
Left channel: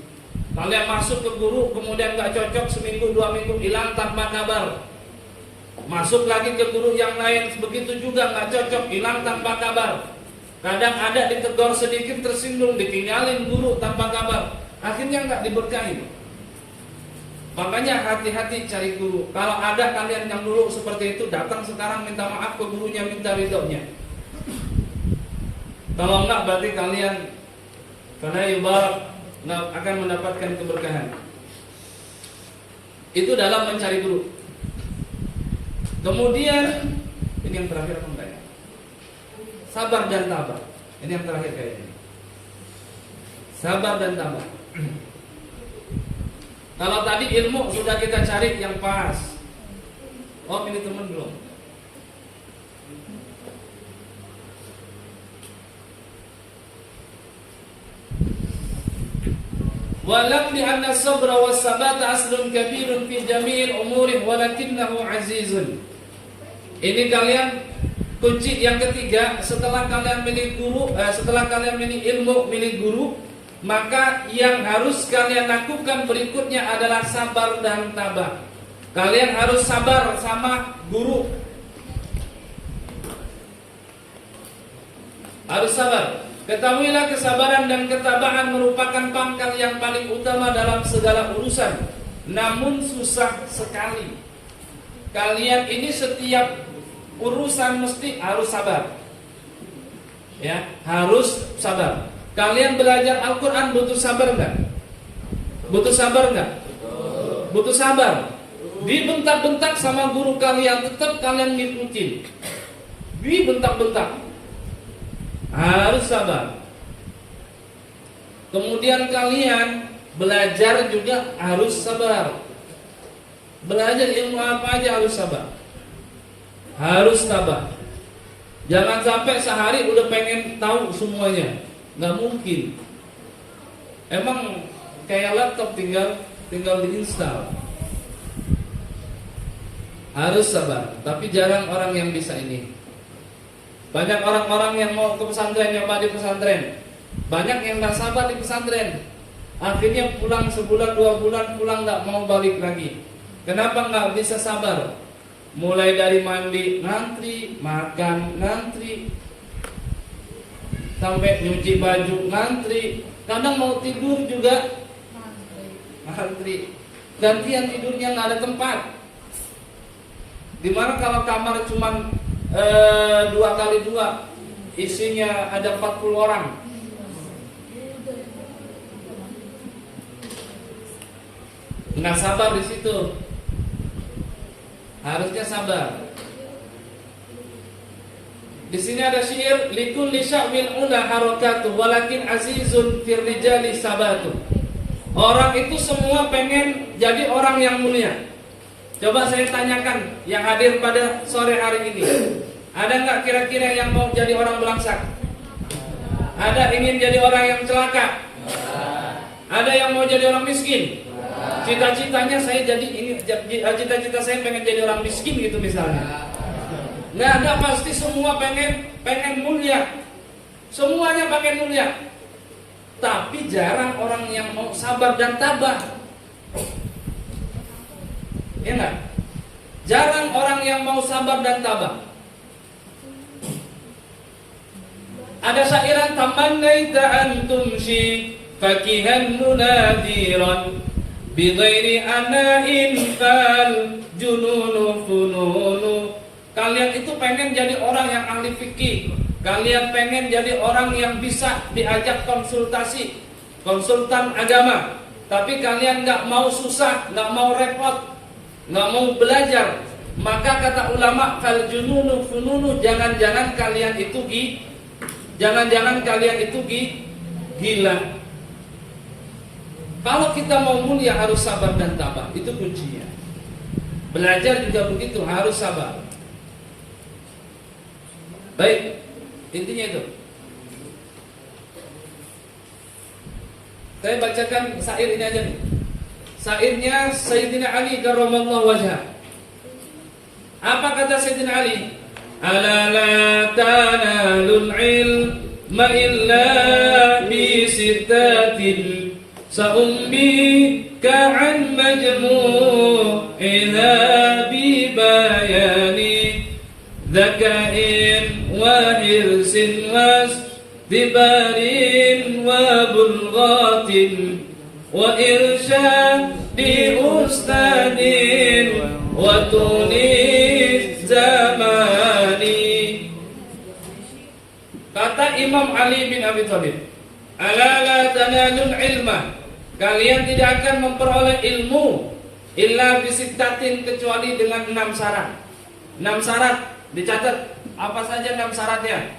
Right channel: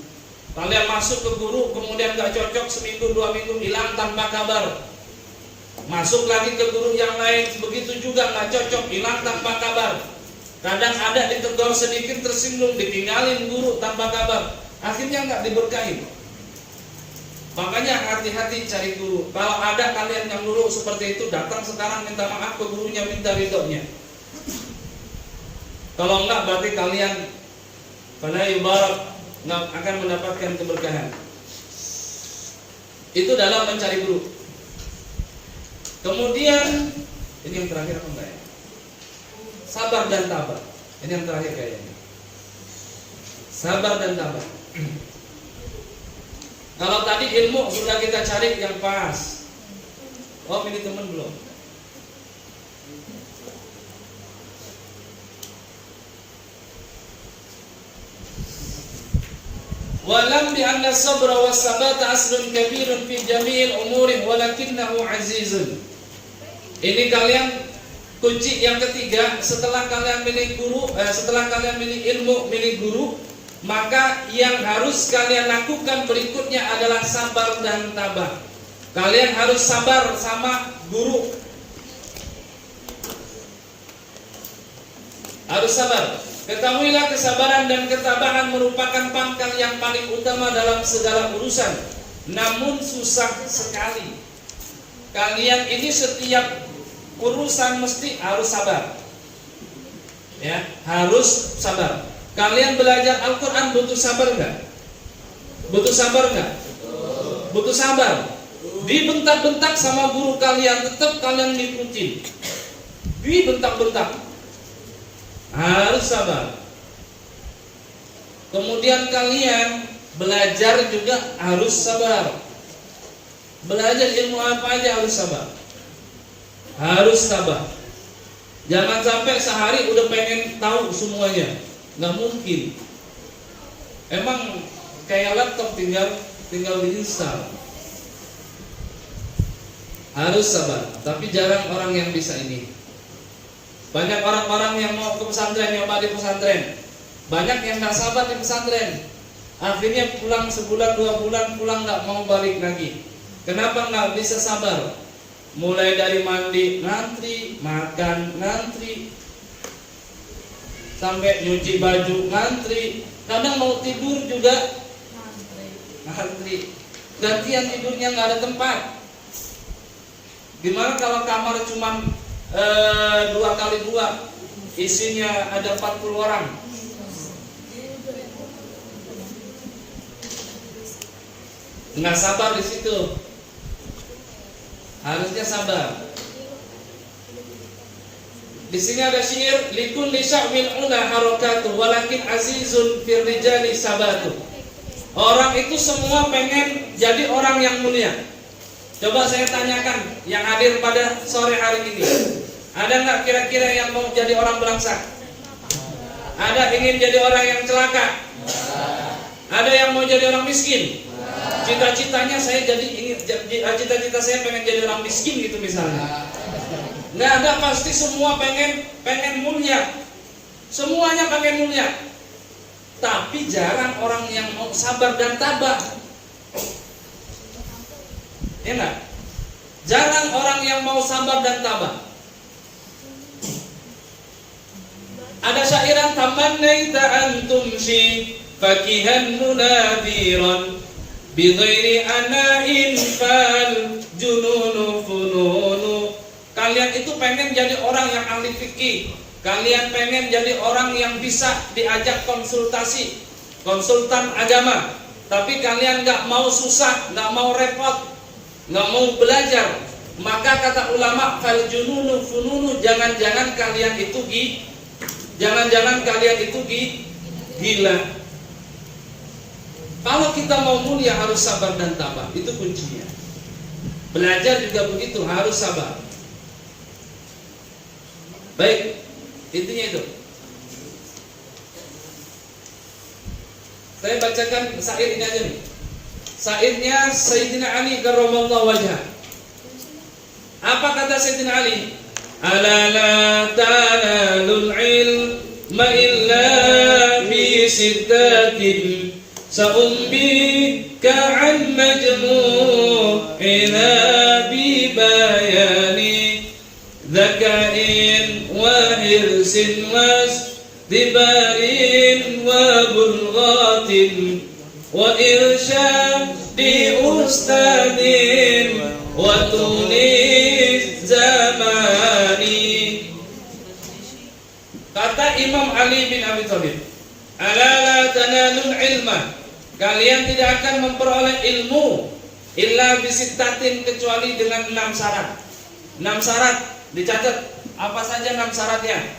Kalian masuk ke guru, kemudian gak cocok, seminggu 2 minggu hilang tanpa kabar. Masuk lagi ke guru yang lain, begitu juga gak cocok, hilang tanpa kabar. Kadang ada ditegur sedikit tersinggung, ditinggalin guru tanpa kabar. Akhirnya gak diberkahin. Makanya hati-hati cari guru. Kalau ada kalian yang dulu seperti itu, datang sekarang minta maaf ke gurunya, minta ridhonya. Kalau enggak berarti kalian fala yubarak, enggak akan mendapatkan keberkahan. Itu dalam mencari guru. Kemudian ini yang terakhir apa enggak ya? Sabar dan tabah. Ini yang terakhir kayaknya. Sabar dan tabah. Kalau tadi ilmu sudah kita cari yang pas. Oh, ini teman belum? Walam bi anna sabra was sabata aslun kabirun fi jami'il umuri walakinnahu azizun. Ini kalian kunci yang ketiga, setelah kalian milih guru, setelah kalian milih ilmu, milih guru, maka yang harus kalian lakukan berikutnya adalah sabar dan tabah. Kalian harus sabar sama guru. Harus sabar. Ketahuilah kesabaran dan ketabahan merupakan pangkal yang paling utama dalam segala urusan. Namun susah sekali. Kalian ini setiap urusan mesti harus sabar. Ya, harus sabar. Kalian belajar Al-Quran butuh sabar enggak? Butuh sabar enggak? Butuh sabar. Dibentak-bentak sama guru kalian, tetap kalian ngikutin. Dibentak-bentak, harus sabar. Kemudian kalian belajar juga harus sabar. Belajar ilmu apa aja harus sabar. Harus sabar. Jangan sampai sehari udah pengen tahu semuanya. Nggak mungkin. Emang kayak laptop tinggal diinstal. Harus sabar. Tapi jarang orang yang bisa ini. Banyak orang-orang yang mau ke pesantren, nyoba di pesantren. Banyak yang nggak sabar di pesantren. Akhirnya pulang sebulan 2 bulan, pulang nggak mau balik lagi. Kenapa nggak bisa sabar? Mulai dari mandi ngantri, makan ngantri, sampai nyuci baju ngantri, kadang mau tidur juga ngantri. Gantian tidurnya nggak ada tempat. Dimana kalau kamar cuma 2x2, isinya ada 40 orang. Nggak sabar di situ. Harusnya sabar. Di sini ada syair, likulli sya'win ula harakatu walakin azizun fir rijali sabatu. Orang itu semua pengen jadi orang yang mulia. Coba saya tanyakan yang hadir pada sore hari ini, ada nggak kira-kira yang mau jadi orang belangsak? Ada ingin jadi orang yang celaka? Ada yang mau jadi orang miskin? Cita-citanya saya jadi ini, cita-cita saya pengen jadi orang miskin gitu misalnya. Nggak ada, pasti semua pengen mulia. Semuanya pengen mulia. Tapi jarang orang yang mau sabar dan tabah. Ya enggak? Jarang orang yang mau sabar dan tabah. Ada syairan tamannaita an tumshi fakihan munadiran bighairi ana'in fal jununu fununu. Kalian itu pengen jadi orang yang ahli fikih, kalian pengen jadi orang yang bisa diajak konsultasi, konsultan agama, tapi kalian nggak mau susah, nggak mau repot, nggak mau belajar. Maka kata ulama, fal jununu fununu, jangan-jangan kalian itu gila. Kalau kita mau mulia harus sabar dan tabah, itu kuncinya. Belajar juga begitu, harus sabar. Baik, intinya itu. Saya bacakan syair ini aja nih. Syairnya Sayyidina Ali karramallahu wajhah. Apa kata Sayyidina Ali? Ala la tanalul ilma illa bi sittatin sa'umbika an majmu'ina bi bayani dzakain wa hirsin wasdibarin wa bulghatin wa irsyadi ustadin wa tunis zamani. Kata Imam Ali bin Abi Thalib, ala la tanalul ilma, kalian tidak akan memperoleh ilmu illa bisittatin, kecuali dengan 6 syarat. 6 syarat dicatat. Apa saja 6 syaratnya?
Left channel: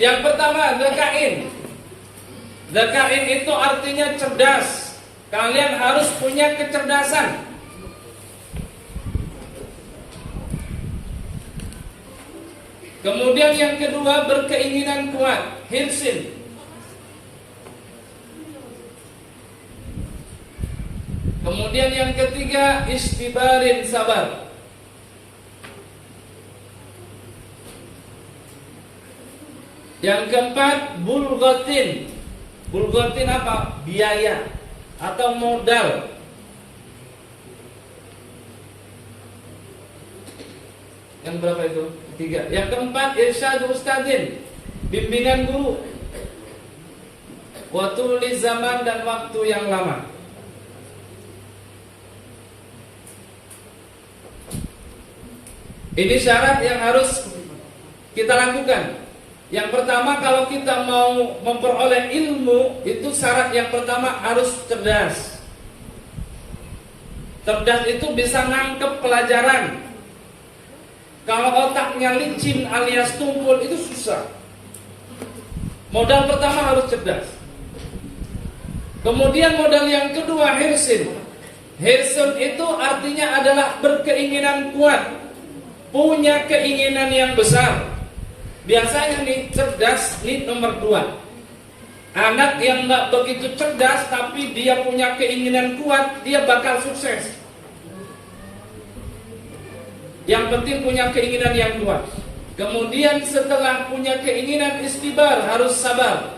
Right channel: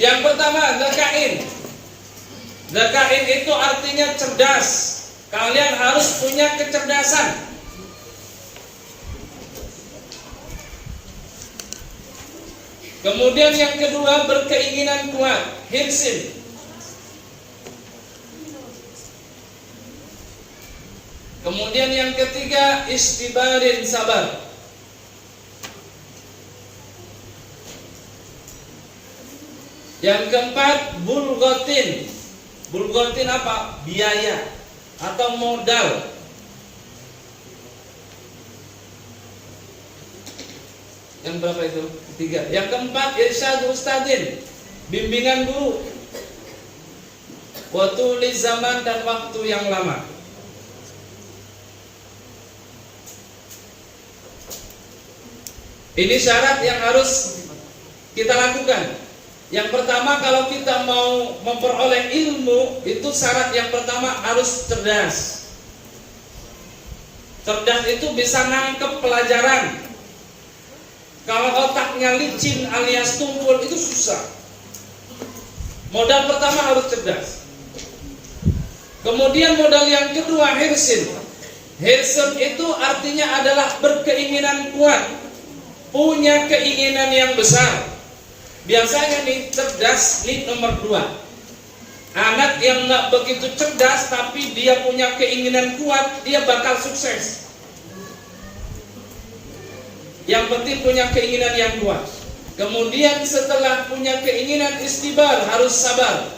Yang pertama, dzakain. Dzakain itu artinya cerdas. Kalian harus punya kecerdasan. Kemudian yang kedua, berkeinginan kuat, hirsin. Kemudian yang ketiga, istibarin, sabar. Yang keempat, bulghatin. Bulghatin apa? Biaya atau modal. Yang berapa itu? 3. Yang keempat, irsyad ustadin, bimbingan guru. Wa tuli zaman, dan waktu yang lama. Ini syarat yang harus kita lakukan. Yang pertama, kalau kita mau memperoleh ilmu, itu syarat yang pertama harus cerdas. Cerdas itu bisa nangkep pelajaran. Kalau otaknya licin alias tumpul, itu susah. Modal pertama harus cerdas. Kemudian modal yang kedua, hirsin. Hirsin itu artinya adalah berkeinginan kuat, punya keinginan yang besar. Biasanya nih, cerdas nih nomor 2. Anak yang gak begitu cerdas tapi dia punya keinginan kuat, dia bakal sukses. Yang penting punya keinginan yang kuat. Kemudian setelah punya keinginan, istibar, harus sabar.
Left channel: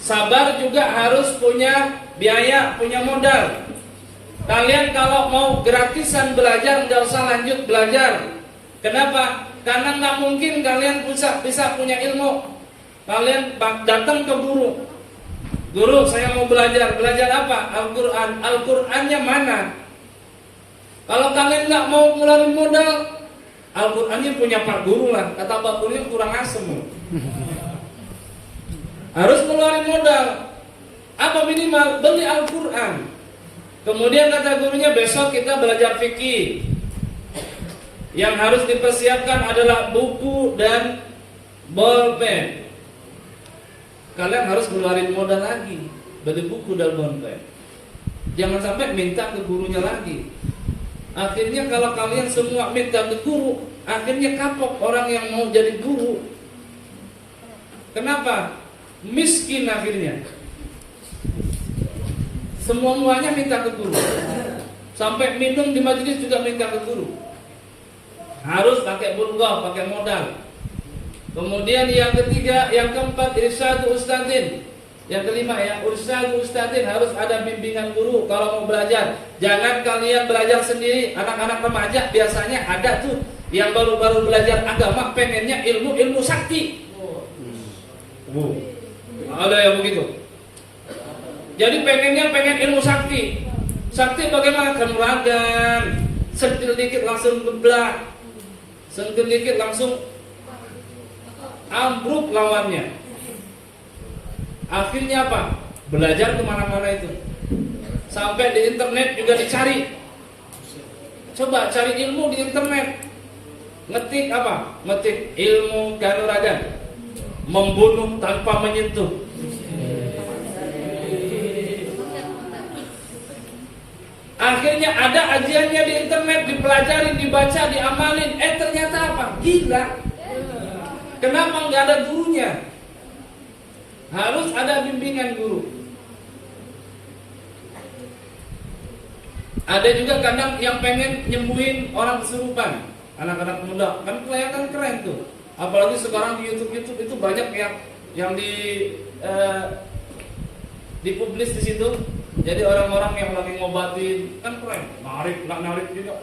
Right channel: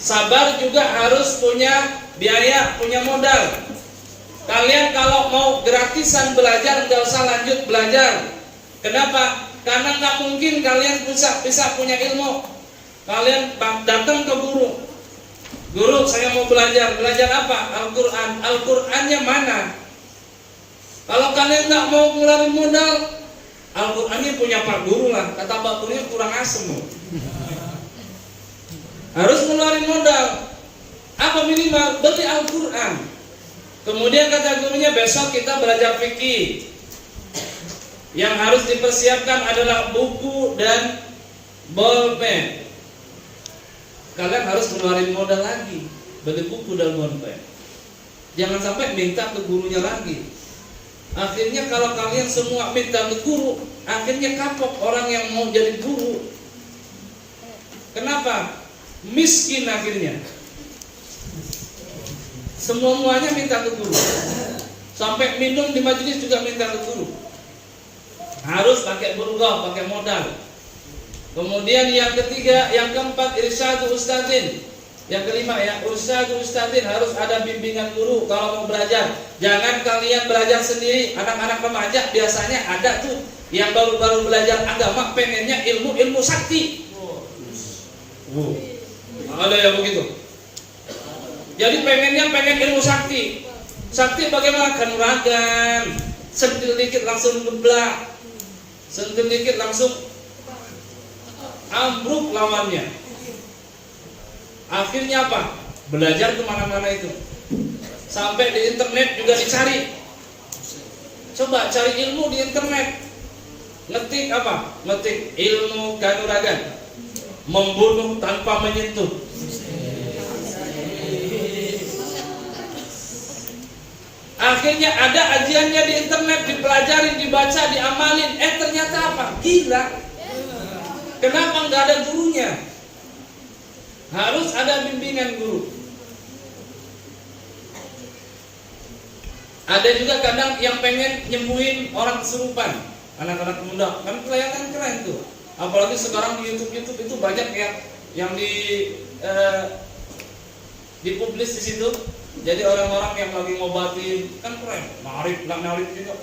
Sabar juga harus punya biaya, punya modal. Kalian kalau mau gratisan belajar, gak usah lanjut belajar. Kenapa? Karena nggak mungkin kalian bisa punya ilmu. Kalian datang ke guru. Guru, saya mau belajar. Belajar apa? Al-Quran. Al-Qurannya mana? Kalau kalian nggak mau ngeluarin modal, Al-Qurannya punya Pak Guru lah. Kata Pak Gurunya kurang asem. Harus ngeluarin modal. Apa minimal? Beli Al-Quran. Kemudian kata gurunya, besok kita belajar fikih. Yang harus dipersiapkan adalah buku dan bolpen. Kalian harus ngeluarin modal lagi, beli buku dan bolpen. Jangan sampai minta ke gurunya lagi. Akhirnya kalau kalian semua minta ke guru, akhirnya kapok orang yang mau jadi guru. Kenapa? Miskin akhirnya. Semuanya minta ke guru. Sampai minum di majelis juga minta ke guru. Harus pakai bulghah, pakai modal. Kemudian yang ketiga, yang keempat, irsyadu ustadzin. Yang kelima ya, ustadzin harus ada bimbingan guru kalau mau belajar. Jangan kalian belajar sendiri. Anak-anak remaja biasanya ada tuh yang baru-baru belajar agama pengennya ilmu sakti. Ada yang begitu. Jadi pengen ilmu sakti. Sakti bagaimana? Kanuragan. Sentil dikit langsung geblak. Sentil dikit langsung ambruk lawannya. Akhirnya apa? Belajar kemana-mana itu. Sampai di internet juga dicari. Coba cari ilmu di internet. Ngetik apa? Ngetik ilmu kanuragan. Membunuh tanpa menyentuh. Akhirnya ada ajiannya di internet, dipelajari, dibaca, diamalin. Ternyata apa? Gila. Kenapa nggak ada gurunya? Harus ada bimbingan guru. Ada juga kadang yang pengen nyembuhin orang kesurupan, anak-anak muda, kan kelihatan keren tuh. Apalagi sekarang di YouTube itu banyak yang dipublis di situ. Jadi orang-orang yang lagi ngobatin kan keren, narik gitu,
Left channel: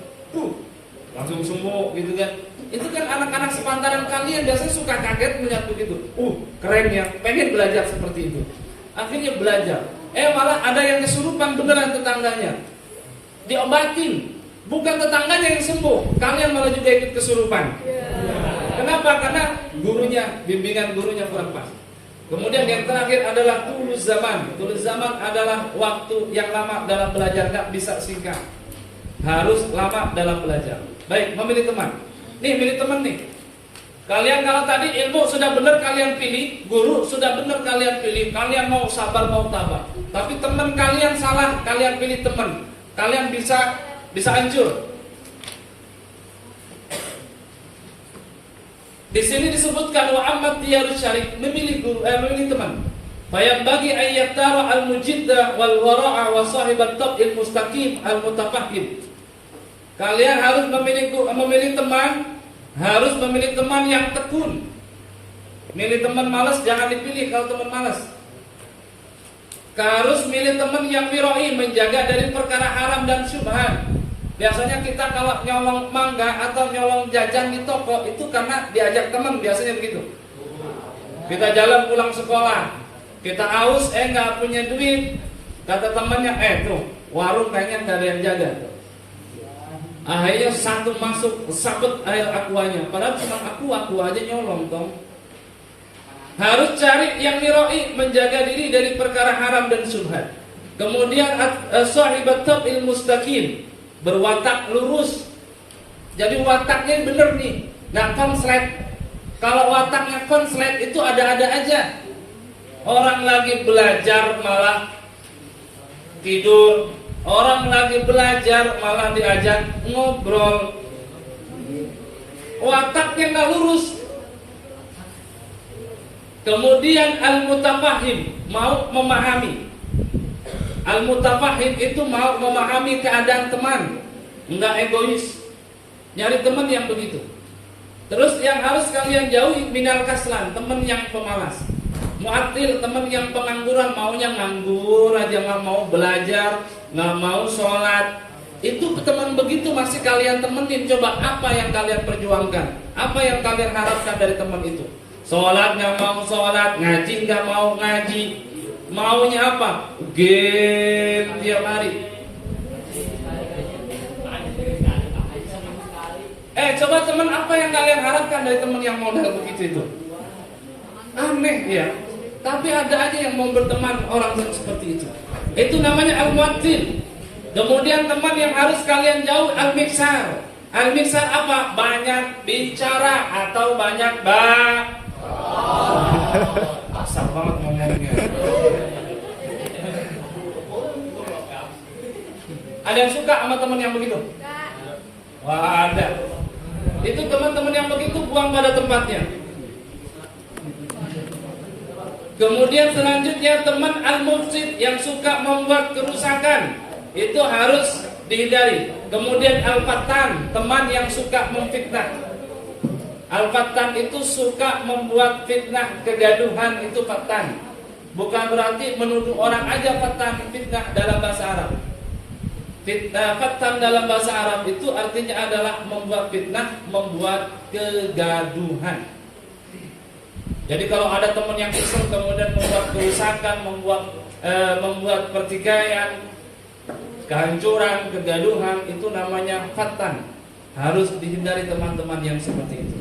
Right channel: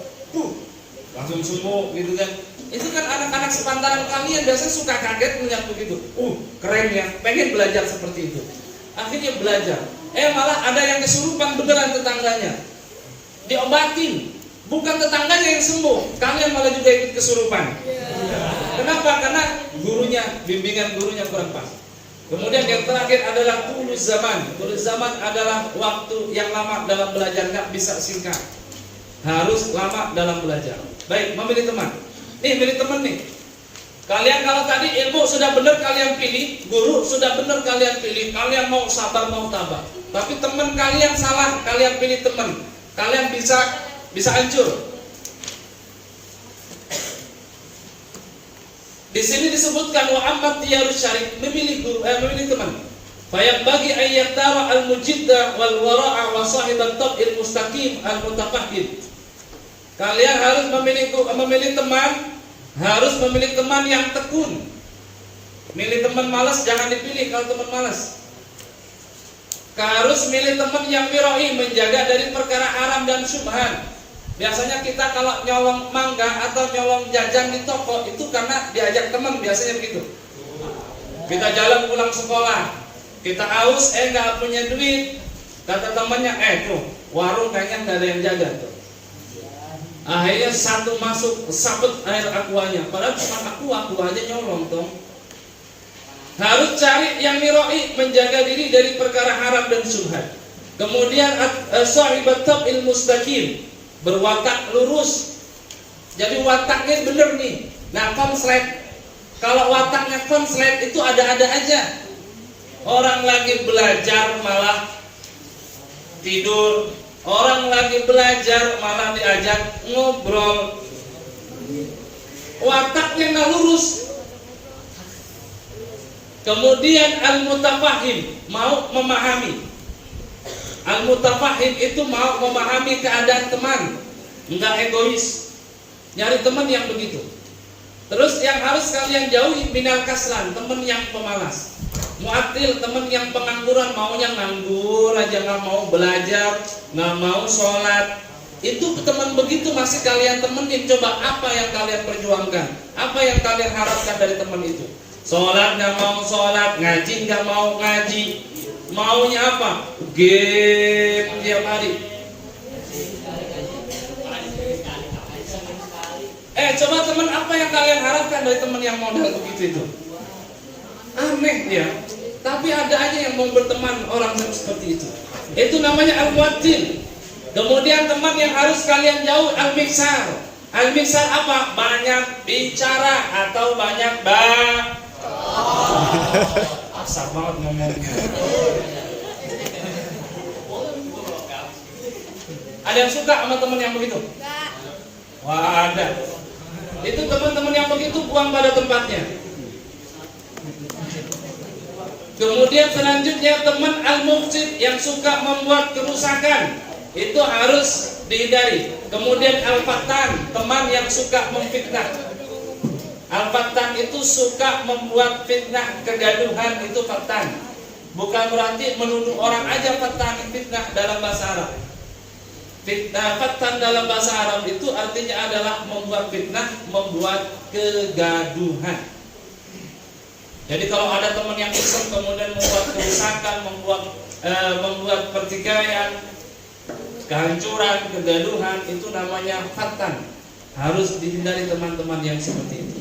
langsung sembuh gitu kan. Itu kan anak-anak sepantaran kalian biasanya suka kaget melihat begitu. Keren ya, pengen belajar seperti itu. Akhirnya belajar. Malah ada yang kesurupan beneran tetangganya. Diobatin. Bukan tetangganya yang sembuh, kalian malah juga ikut kesurupan. Kenapa? Karena bimbingan gurunya kurang pas. Kemudian yang terakhir adalah tulus zaman. Tulus zaman adalah waktu yang lama dalam belajar, nggak bisa singkat. Harus lama dalam belajar. Baik, memilih teman. Nih, milih teman nih. Kalian kalau tadi ilmu sudah benar kalian pilih, guru sudah benar kalian pilih, kalian mau sabar mau tabah. Tapi teman kalian salah, kalian pilih teman. Kalian bisa hancur. Di sini disebutkan wa ammat tiyarus syarik, memilih teman. Fayam bagi ayat tara al-mujidda wal wara'a wa sahibat tab'il mustaqim al-mutafahim. Kalian harus memilih teman. Harus memilih teman yang tekun. Milih teman malas jangan dipilih kalau teman malas. Harus milih teman yang miroi, menjaga dari perkara haram dan syubhat. Biasanya kita kalau nyolong mangga atau nyolong jajan di toko itu karena diajak teman, biasanya begitu. Kita jalan pulang sekolah, kita haus, nggak punya duit. Kata temannya, tuh warung kayaknya nggak ada yang jaga tuh. Akhirnya satu masuk sabet air aquanya, padahal cuma aku aja nyolong tong. Harus cari yang miroi, menjaga diri dari perkara haram dan syubhat. Kemudian sahibat tab'il mustaqim, berwatak lurus. Jadi wataknya bener nih. Nah, konslet. Kalau wataknya konslet itu ada-ada aja. Orang lagi belajar malah tidur. Orang lagi belajar malah diajak ngobrol. Wataknya nggak lurus. Kemudian al-mutafahim, mau memahami. Al-mutafahim itu mau memahami keadaan teman, nggak egois. Nyari teman yang begitu. Terus yang harus kalian jauhi minal kaslan, teman yang pemalas. Mu'atil, teman yang pengangguran, maunya nganggur aja, nggak mau belajar, nggak mau sholat. Itu teman begitu masih kalian temenin. Coba apa yang kalian perjuangkan, apa yang kalian harapkan dari teman itu. Sholat nggak mau sholat, ngaji nggak mau ngaji. Maunya apa? Game tiap hari. Coba teman apa yang kalian harapkan dari teman yang modal begitu itu? Aneh ya. Tapi ada aja yang mau berteman orang seperti itu. Itu namanya al-mu'attil. Kemudian teman yang harus kalian jauh, al-miksar. Al-miksar apa? Banyak bicara atau banyak asal banget ngomongnya. Ada yang suka sama teman yang begitu? Wah, ada. Itu teman-teman yang begitu buang pada tempatnya. Kemudian selanjutnya teman al-mufsid yang suka membuat kerusakan, itu harus dihindari. Kemudian al-fattan, teman yang suka memfitnah. Al-fattan itu suka membuat fitnah, kegaduhan, itu fattan. bukan berarti menuduh orang aja fatan, fitnah dalam bahasa Arab. Fatan dalam bahasa Arab itu artinya adalah membuat fitnah, membuat kegaduhan. Jadi kalau ada teman yang iseng kemudian membuat kerusakan, membuat pertikaian, kehancuran, kegaduhan, itu namanya fatan. Harus dihindari teman-teman yang seperti itu.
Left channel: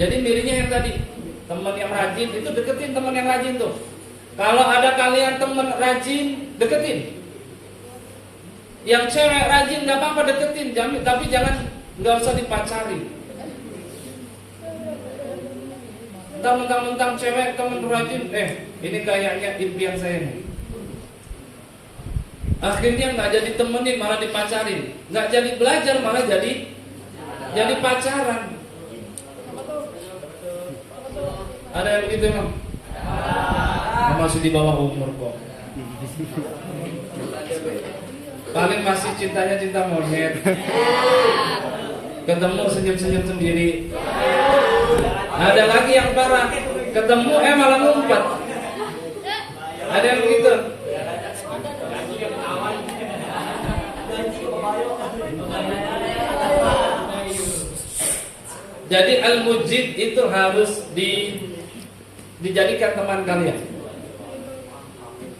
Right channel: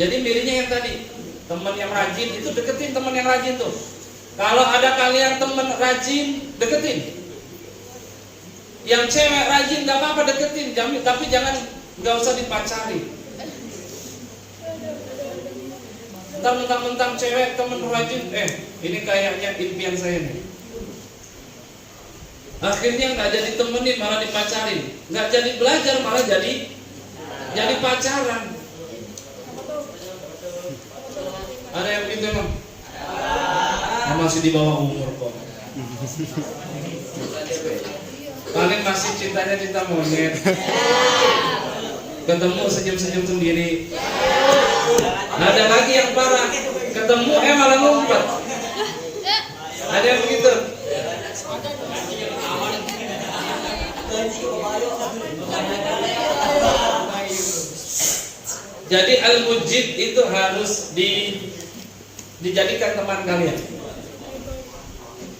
Jadi miripnya yang tadi, teman yang rajin itu deketin teman yang rajin tuh. Kalau ada kalian teman rajin, deketin. Yang cewek rajin nggak apa-apa deketin, tapi nggak usah dipacari. Mentang-mentang cewek temen rajin, ini kayaknya impian saya nih. Akhirnya nggak jadi temenin, malah dipacarin. Nggak jadi belajar, malah jadi pacaran. Ada yang begitu emang? Masih di bawah umur kok. Paling masih cintanya cinta monyet. Ketemu senyum-senyum sendiri. Ada lagi yang parah, ketemu malah ngumpet. Ada yang begitu. Jadi al-mujid itu harus dijadikan teman kalian.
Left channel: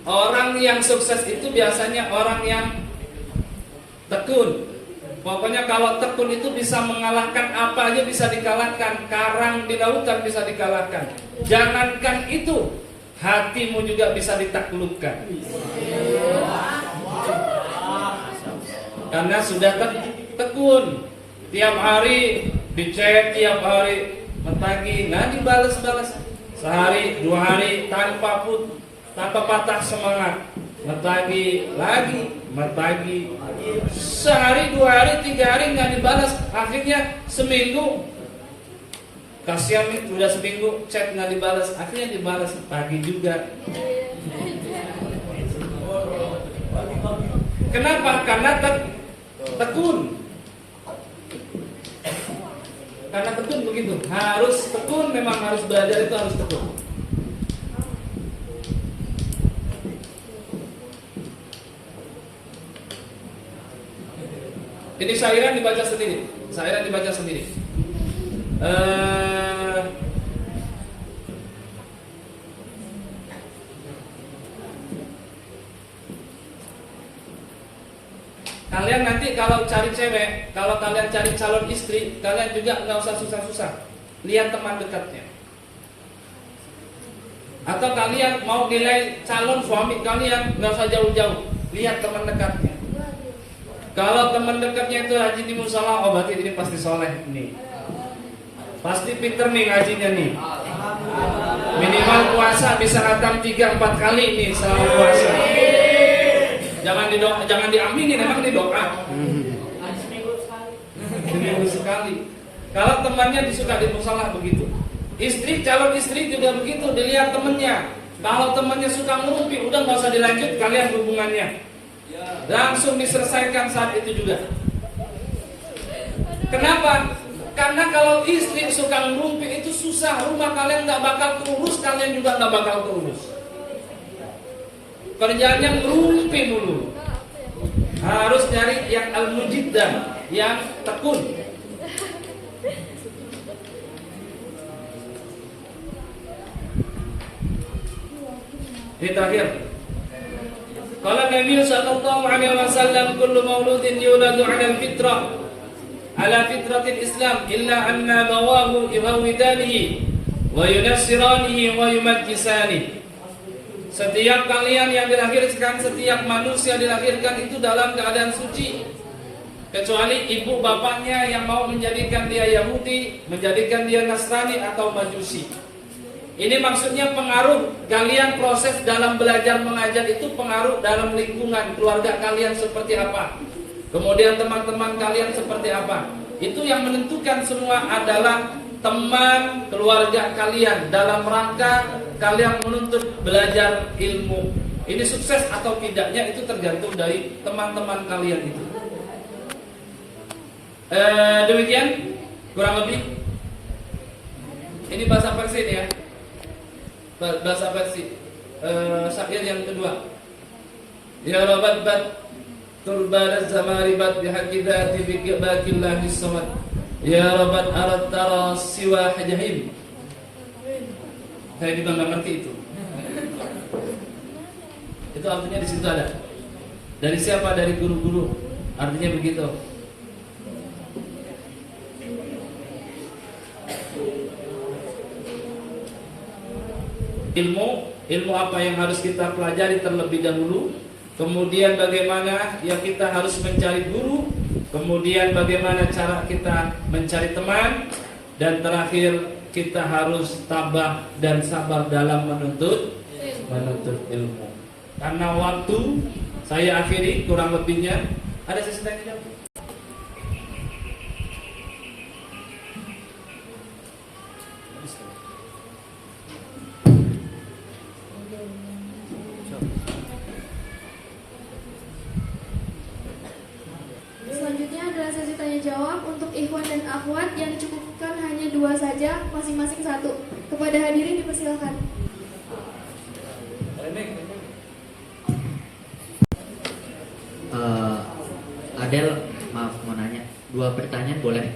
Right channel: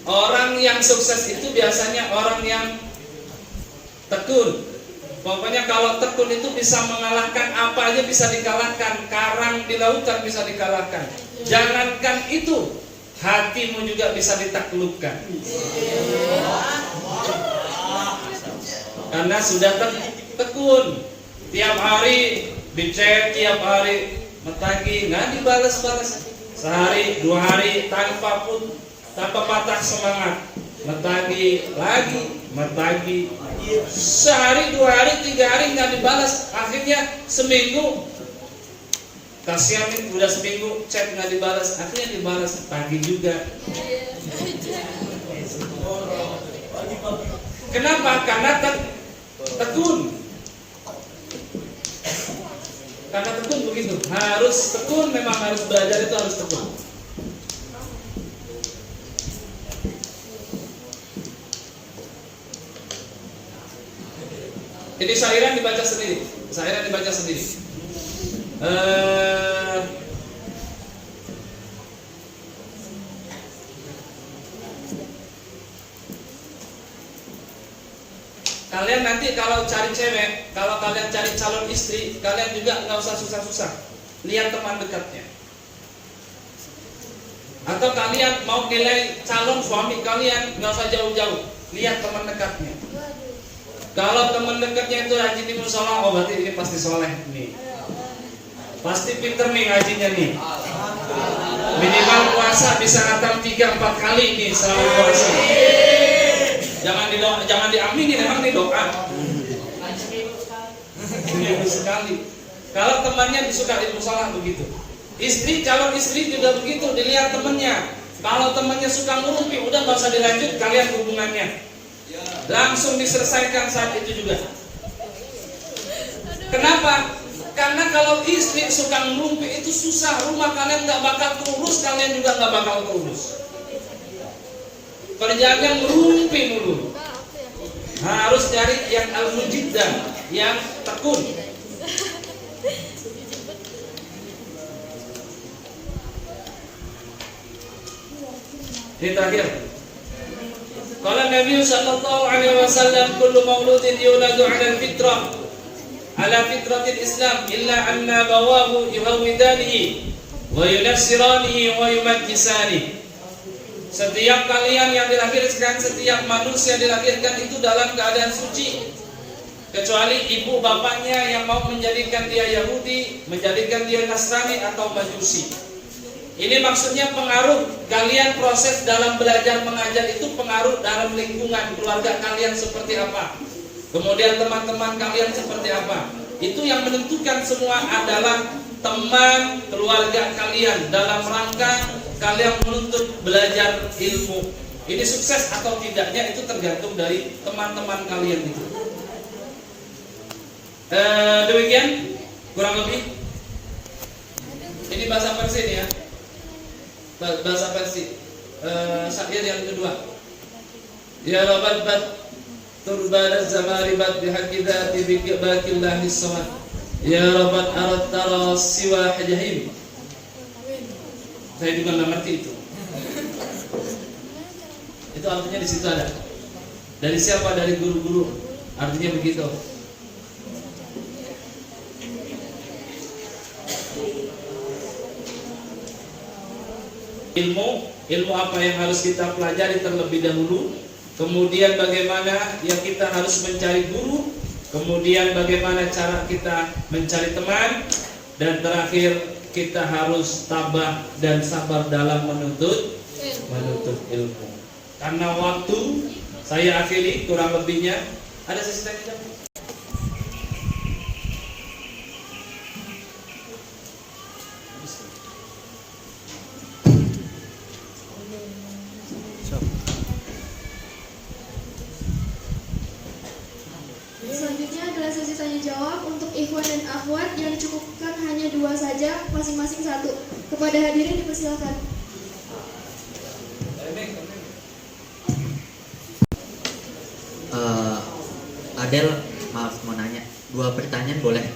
Orang yang sukses itu biasanya orang yang tekun. Pokoknya kalau tekun itu bisa mengalahkan apa aja, bisa dikalahkan. Karang di lautan bisa dikalahkan. Jangankan itu, hatimu juga bisa ditaklukkan. Karena sudah tekun. Tiap hari dicek, tiap hari mentagi, nggak dibalas-balas. Sehari, 2 hari tanpa patah semangat, mentagi lagi, mentagi. Sehari, 2 hari, 3 hari nggak dibalas. Akhirnya seminggu, kasihan nih, udah seminggu chat nggak dibalas. Akhirnya dibalas pagi juga. Kenapa? Karena tekun. Karena tekun begitu. Harus tekun, memang harus belajar itu harus tekun. Jadi syairan dibaca sendiri. Kalian nanti kalau cari cewek, kalau kalian cari calon istri, kalian juga nggak usah susah-susah. Lihat teman dekatnya. Atau kalian mau nilai calon suami kalian, nggak usah jauh-jauh. Lihat teman dekatnya. Kalau teman dekatnya itu rajin di musola, oh berarti ini pasti soleh nih. Pasti pinter nih ngajinya nih. Minimal puasa bisa khatam 3-4 kali nih selama puasa. Jangan diaminin, memang ini doa. Seminggu sekali. Kalau temannya disuka di musola begitu. Calon istri juga begitu, dilihat temannya. Kalau temannya suka ngurumpi, udah nggak usah dilanjut kalian hubungannya. Langsung diselesaikan saat itu juga. Kenapa? Karena kalau istri suka ngurumpi itu susah, rumah kalian nggak bakal terurus, kalian juga nggak bakal terurus. Kerjaannya ngerumpi mulu. Harus cari yang al-mujiddan, yang tekun. Ini terakhir. Qala Nabi sallallahu alaihi wasallam, kullu mauludin yuladu 'ala al-fitrah, 'ala fitratil Islam, illa anna bawahu yuhawidanihi wa yunassiranihi wa yumajjisanihi. Setiap kalian yang dilahirkan, setiap manusia dilahirkan itu dalam keadaan suci, kecuali ibu bapaknya yang mau menjadikan dia Yahudi, menjadikan dia Nasrani atau Majusi. Ini maksudnya pengaruh kalian proses dalam belajar mengajar itu pengaruh dalam lingkungan keluarga kalian seperti apa, kemudian teman-teman kalian seperti apa. Itu yang menentukan semua adalah teman keluarga kalian dalam rangka kalian menuntut belajar ilmu. Ini sukses atau tidaknya itu tergantung dari teman-teman kalian itu. Demikian kurang lebih. Ini bahasa Persia ya. Bahasa Persia. Sakyat yang kedua. Ya Rabbal bad turbadat zamaribat bihaqqi dzati biqillahi samad. Ya Rabbal arad tara siwa jahim. Saya juga nggak ngerti itu. Itu artinya di situ ada. Dari siapa? Dari guru-guru. Artinya begitu. Ilmu apa yang harus kita pelajari terlebih dahulu, kemudian bagaimana yang kita harus mencari guru, kemudian bagaimana cara kita mencari teman, dan terakhir kita harus tabah dan sabar dalam menuntut ilmu. Karena waktu, saya akhiri kurang lebihnya. Ada sesi tanya jawab? Selanjutnya adalah sesi tanya jawab untuk ikhwan dan akhwat yang dicukupkan hanya 2 saja, masing-masing 1. Kepada hadirin dipersilakan. Adel, maaf mau nanya 2 pertanyaan boleh?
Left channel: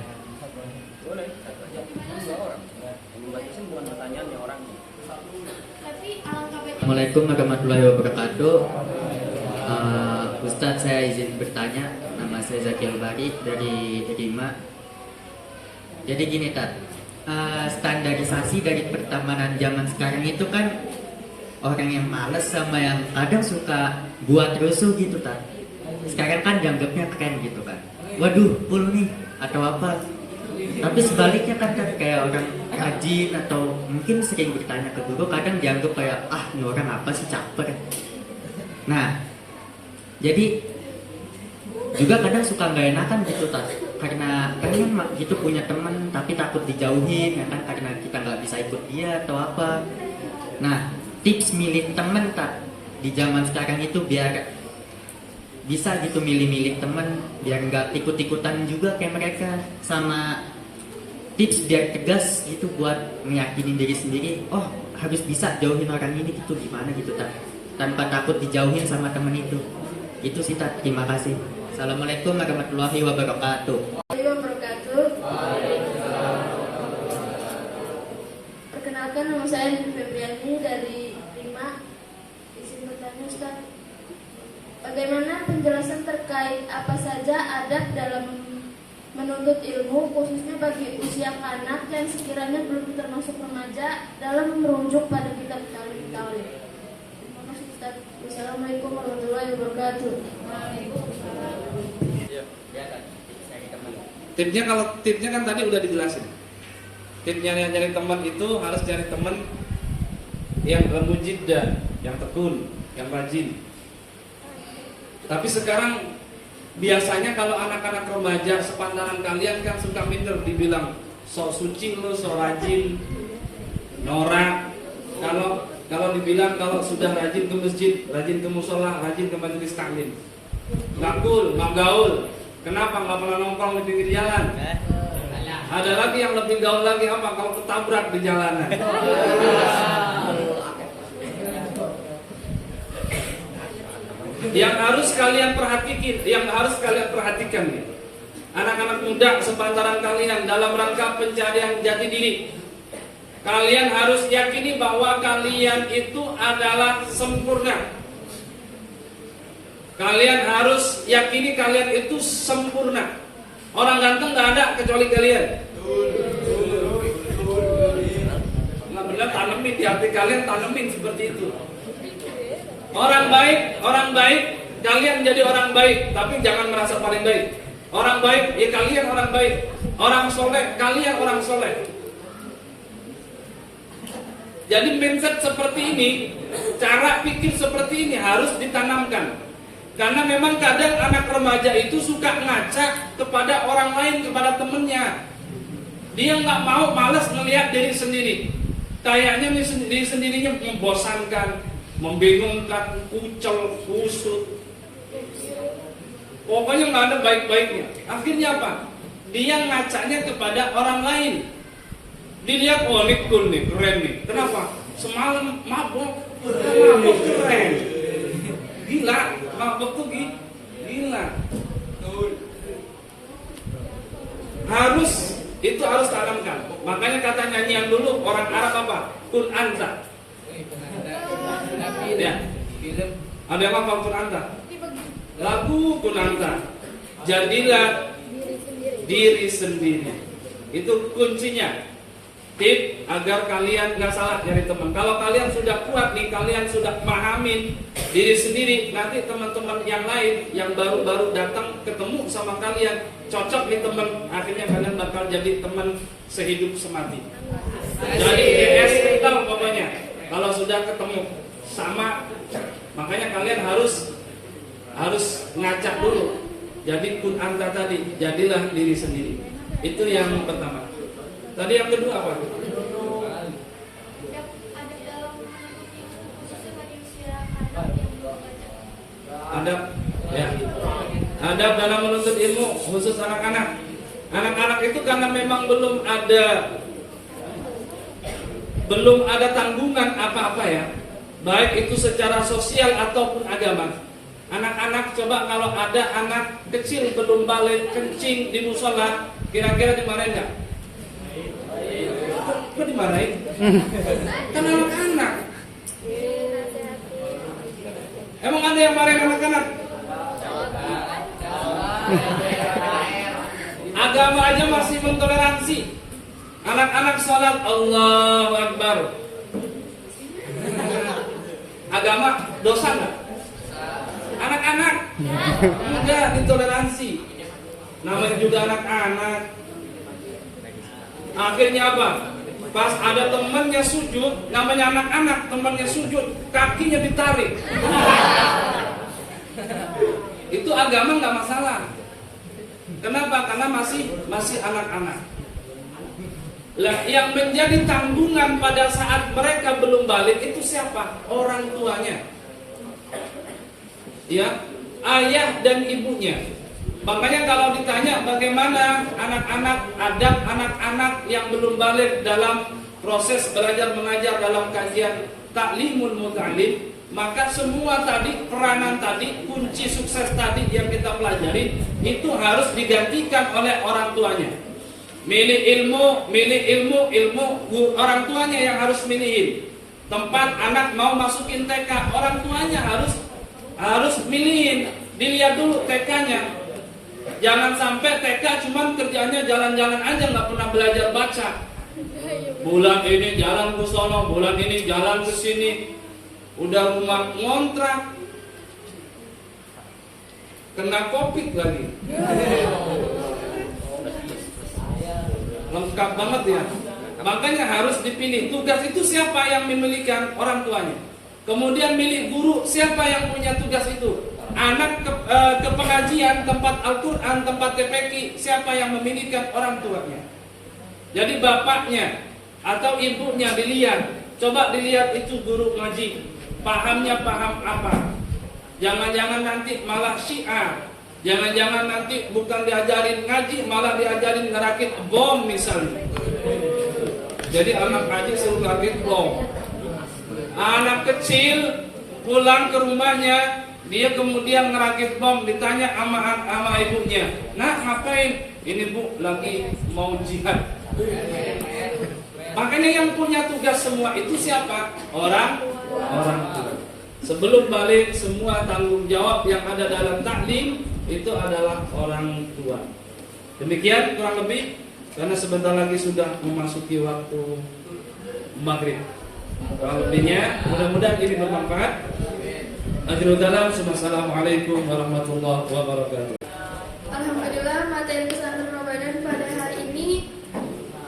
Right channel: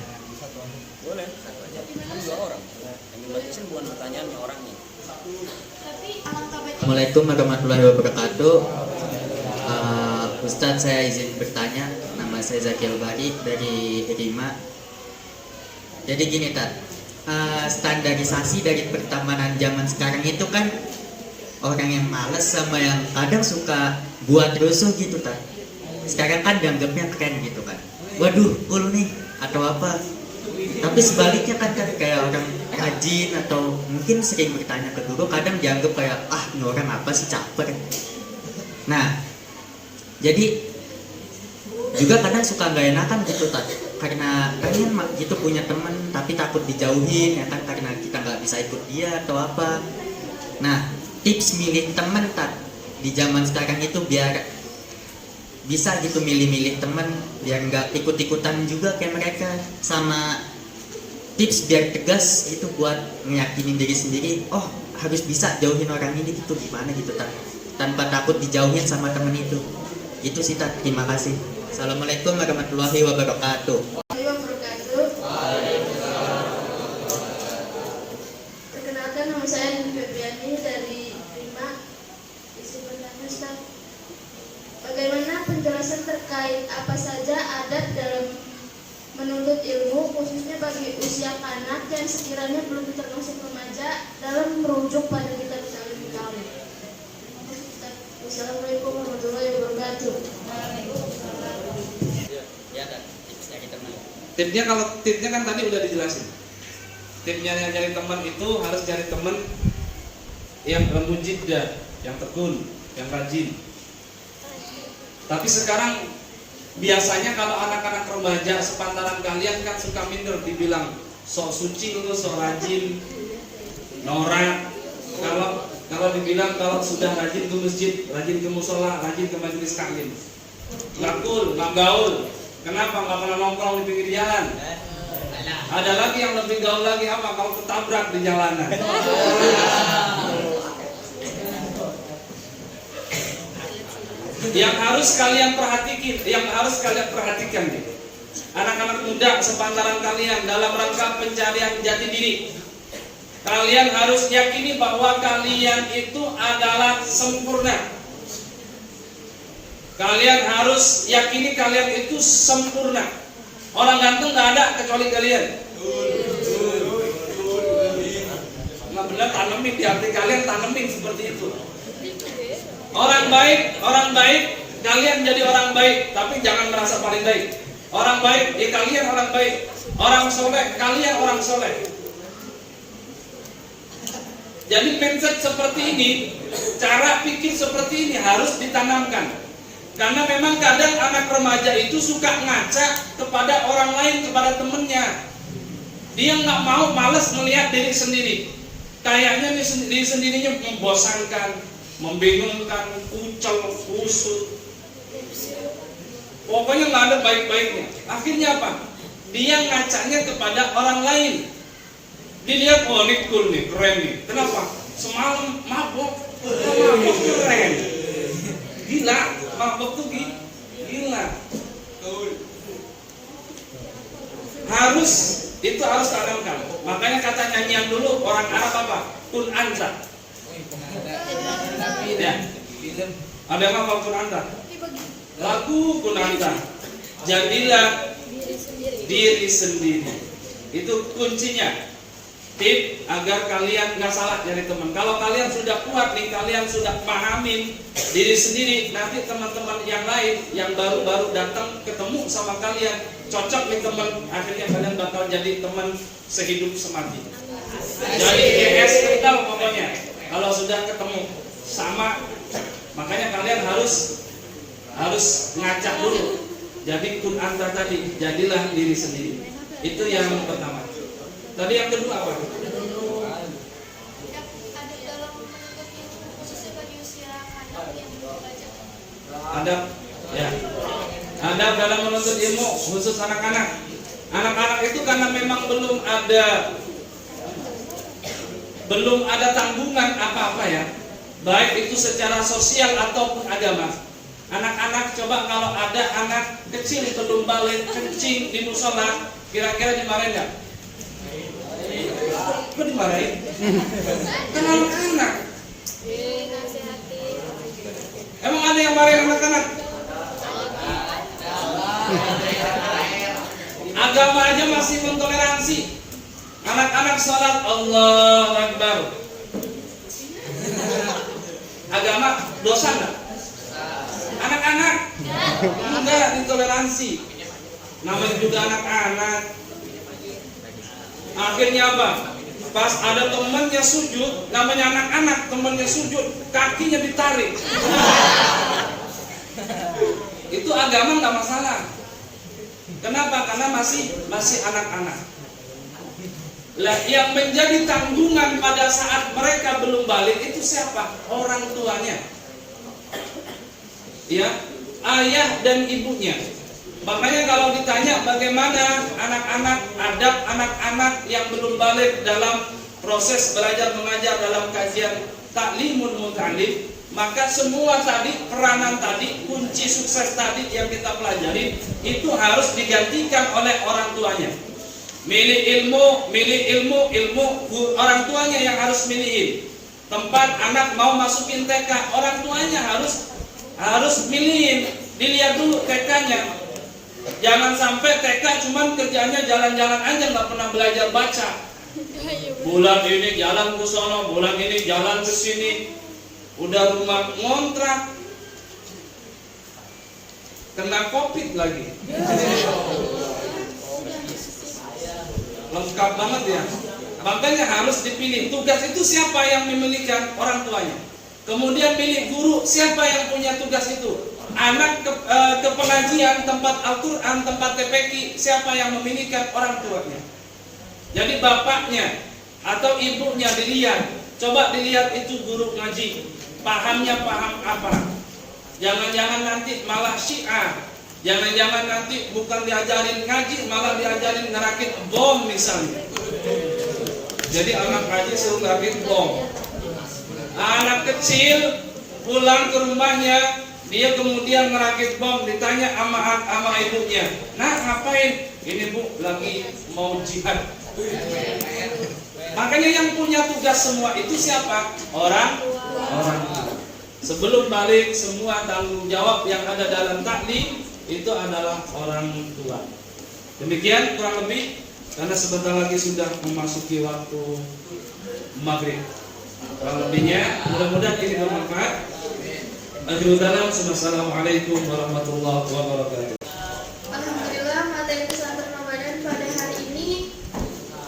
Boleh, satu aja. Kan 2 orang. Yang dibacain bukan pertanyaannya orangnya. Tapi alangkah baiknya. Assalamualaikum warahmatullahi wabarakatuh. Ustadz, saya izin bertanya. Nama saya Zaki Al-Bari dari Rima. Jadi gini Tat, standarisasi dari pertemanan zaman sekarang itu kan orang yang males sama yang kadang suka buat rusuh gitu Tat. Sekarang kan dianggapnya keren gitu kan. Waduh, cool nih atau apa. Tapi sebaliknya kan kayak orang rajin atau mungkin sering bertanya ke guru, kadang dianggap kayak ini orang apa sih, caper. Nah, jadi juga kadang suka nggak enakan gitu Tat, karena pengen gitu punya teman tapi takut dijauhin ya kan, karena kita nggak bisa ikut dia atau apa. Nah, tips milih teman Tat di zaman sekarang itu biar bisa gitu milih-milih teman, biar nggak ikut-ikutan juga kayak mereka, sama tips biar tegas gitu buat meyakinin diri sendiri, harus bisa jauhin orang ini gitu, gimana gitu Tat, tanpa takut dijauhin sama temen itu. Itu sih Tat, terima kasih. Assalamualaikum warahmatullahi wabarakatuh. Perkenalkan, nama saya Dini Febriani dari Rima. Izin bertanya Ustaz, bagaimana penjelasan terkait apa saja adab dalam menuntut ilmu, khususnya bagi usia anak yang sekiranya belum termasuk remaja, dalam merujuk pada kitab Ta'lim. Terima kasih Ustaz. Wassalamualaikum warahmatullahi wabarakatuh. Tipnya kan tadi udah dijelasin. Tipnya yang nyari teman itu harus cari teman yang lembut jiddah, yang tekun, yang rajin. Tapi sekarang biasanya kalau anak-anak remaja sepantaran kalian kan suka minder, dibilang sok suci lu, sok rajin, norak. Kalau dibilang kalau sudah rajin ke masjid, rajin ke musola, rajin ke majelis taklim, nggak cool, nggak gaul. Kenapa? Nggak pernah nongkrong di pinggir jalan. Ada lagi yang lebih gaul lagi, apa? Kalau ketabrak di jalanan. Yang harus kalian perhatikan nih, anak-anak muda sepantaran kalian dalam rangka pencarian jati diri, kalian harus yakini bahwa kalian itu adalah sempurna. Kalian harus yakini kalian itu sempurna. Orang ganteng nggak ada kecuali kalian. Nggak benar, tanemin di hati kalian, tanemin seperti itu. Orang baik, kalian jadi orang baik, tapi jangan merasa paling baik. Orang baik, ya kalian orang baik. Orang soleh, kalian orang soleh. Jadi mindset seperti ini, cara pikir seperti ini harus ditanamkan. Karena memang kadang anak remaja itu suka ngaca kepada orang lain, kepada temennya. Dia nggak mau, malas melihat diri sendiri. Kayaknya diri sendirinya membosankan, membingungkan, kucel, kusut. Pokoknya nggak ada baik-baiknya. Akhirnya apa? Dia ngacanya kepada orang lain. Dilihat, ini cool nih, keren nih. Kenapa? Semalam mabok, Mabok keren. Gila, mabok tuh gila. Itu harus tanamkan. Makanya kata nyanyian dulu orang Arab apa? Kun anta. Ya. Ada yang apa kun anta? Lagu kun anta. Jadilah diri sendiri. Itu kuncinya. Tip agar kalian nggak salah dari teman. Kalau kalian sudah kuat nih, kalian sudah pahamin diri sendiri, nanti teman-teman yang lain yang baru-baru datang ketemu sama kalian cocok nih teman, akhirnya kalian bakal jadi teman sehidup semati. Jadi GS kental pokoknya. Kalau sudah ketemu sama, makanya kalian harus ngacak dulu. Jadi kun anta tadi, jadilah diri sendiri. Itu yang pertama. Tadi yang kedua apa? Ada ya. Ada dalam menuntut ilmu khusus anak-anak. Anak-anak itu karena memang belum ada tanggungan apa-apa ya. Baik itu secara sosial ataupun agama. Anak-anak coba kalau ada anak kecil belum balik kencing di musola, kira-kira dimarahin enggak? Kok dimarahin? Kan anak-anak. Emang ada yang marahin anak-anak? Agama aja masih mentoleransi. Anak-anak sholat Allahu Akbar. Agama dosa nggak? Anak-anak enggak ditoleransi. Namanya juga anak-anak. Akhirnya apa? Pas ada temannya sujud, namanya anak-anak, temannya sujud, kakinya ditarik. Itu agama nggak masalah. Kenapa? Karena masih anak-anak. Lah, yang menjadi tanggungan pada saat mereka belum balik itu siapa? Orang tuanya. Ya, ayah dan ibunya. Makanya kalau ditanya bagaimana adab anak-anak yang belum balik dalam proses belajar mengajar dalam kajian taklimul muta'allim, maka semua tadi peranan tadi, kunci sukses tadi yang kita pelajari itu harus digantikan oleh orang tuanya. Milih ilmu, orang tuanya yang harus milihin. Tempat anak mau masukin TK, orang tuanya harus milihin, dilihat dulu TK-nya. Jangan sampai TK cuman kerjanya jalan-jalan aja, nggak pernah belajar baca. Bulan ini jalan ke sono, bulan ini jalan ke sini. Udah rumah ngontrak, kena COVID lagi. Lengkap banget ya. Makanya harus dipilih. Tugas itu siapa yang memilikan? Orang tuanya. Kemudian milih guru, siapa yang punya tugas itu? Anak ke pengajian, tempat Al-Quran, tempat TPQ, siapa yang memilikan? Orang tuanya. Jadi bapaknya atau ibunya dilihat. Coba dilihat itu guru ngaji, pahamnya paham apa? Jangan-jangan nanti malah syiah. Jangan-jangan nanti bukan diajarin ngaji, malah diajarin ngerakit bom misalnya. Jadi anak ngaji suruh ngerakit bom. Anak kecil pulang ke rumahnya, dia kemudian ngerakit bom, ditanya sama ibunya, "Nah, ngapain?" "Ini Bu, lagi mau jihad." Makanya yang punya tugas semua itu siapa? Orang tua. Sebelum balik, semua tanggung jawab yang ada dalam taklim itu adalah orang tua. Demikian kurang lebih, karena sebentar lagi sudah memasuki waktu maghrib. Kurang lebihnya, mudah-mudahan ini bermanfaat. Akhirul kalam, assalamualaikum warahmatullahi wabarakatuh. Alhamdulillah, materi pesantren Ramadan pada hari ini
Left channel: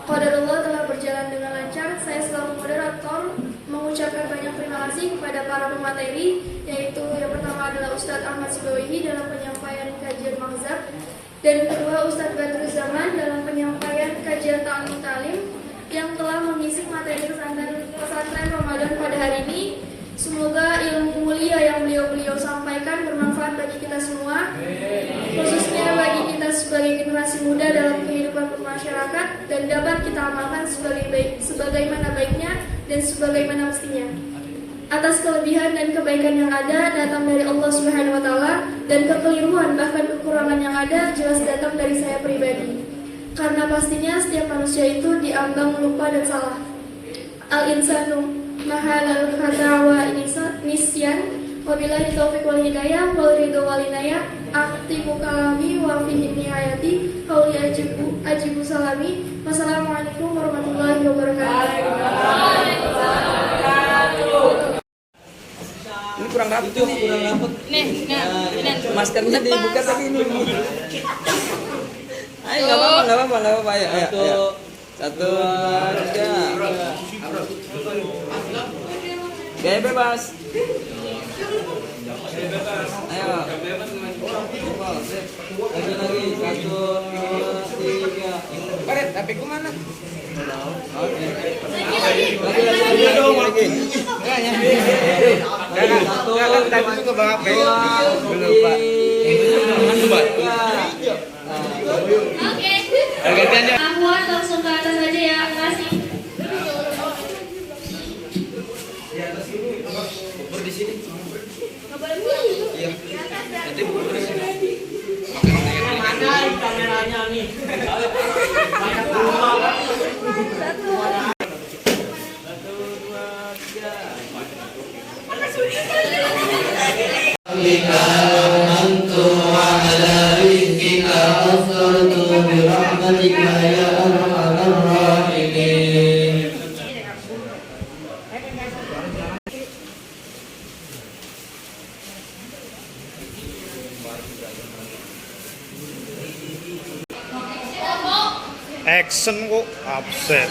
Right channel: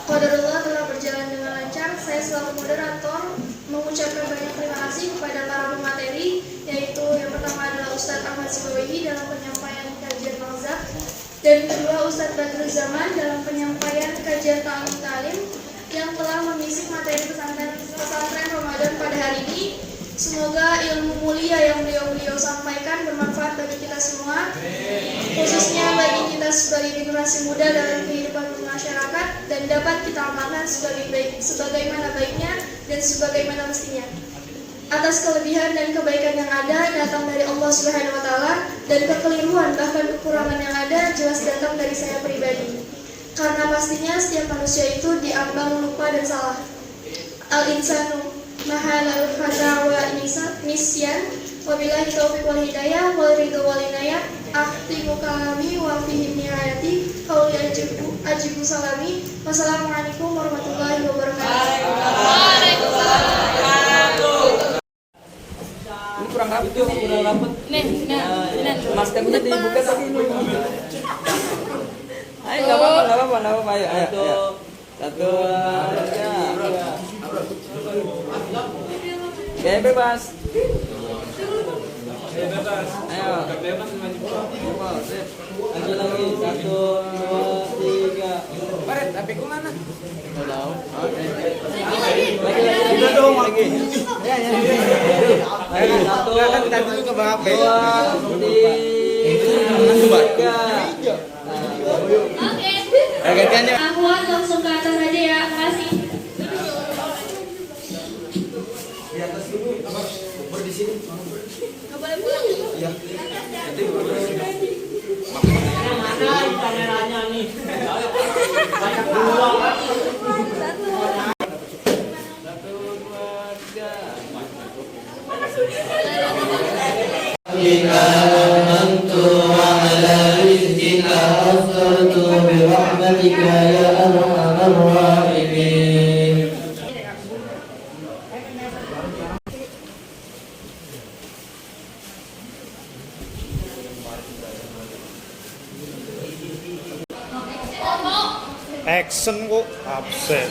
qadarullah telah berjalan dengan lancar. Saya selaku moderator mengucapkan banyak terima kasih kepada para pemateri, yaitu yang pertama adalah Ustadz Ahmad Sibawahi dalam penyampaian kajian mazhab, dan kedua Ustadz Badrul Zaman dalam penyampaian kajian ta'lim yang telah mengisi materi pesantren Ramadan pada hari ini. Semoga ilmu mulia yang beliau sampaikan bermanfaat bagi kita semua, khususnya bagi kita sebagai generasi muda dalam kehidupan masyarakat, dan dapat kita amalkan sebagaimana baiknya dan sebagaimana mestinya. Atas kelebihan dan kebaikan yang ada datang dari Allah Subhanahu wa taala, dan kekeliruan bahkan kekurangan yang ada jelas datang dari saya pribadi. Karena pastinya setiap manusia itu diambang lupa dan salah. Al-insanu mahalal khata wa nisyan, wabillahi taufiq wal hidayah wal ridho wal inayah. Akhtimu kalami wa fihi nihayati qauli ajibu salami. Wassalamualaikum warahmatullahi wabarakatuh. Ini kurang rapat tuh, kurang rapat. Maskernya dibuka lagi ini. Ayo, nggak apa-apa, ayo. Satu, tiga. Gaya bebas. Ayo. Lagi, satu, tiga. Paret, tapi kemana? Lagi dong, lagi. Kan tadi juga bang apa ya? Oke. Ahwan langsung ke atas aja ya, makasih. Mana kameranya nih? Banyak uang. Action kok absen.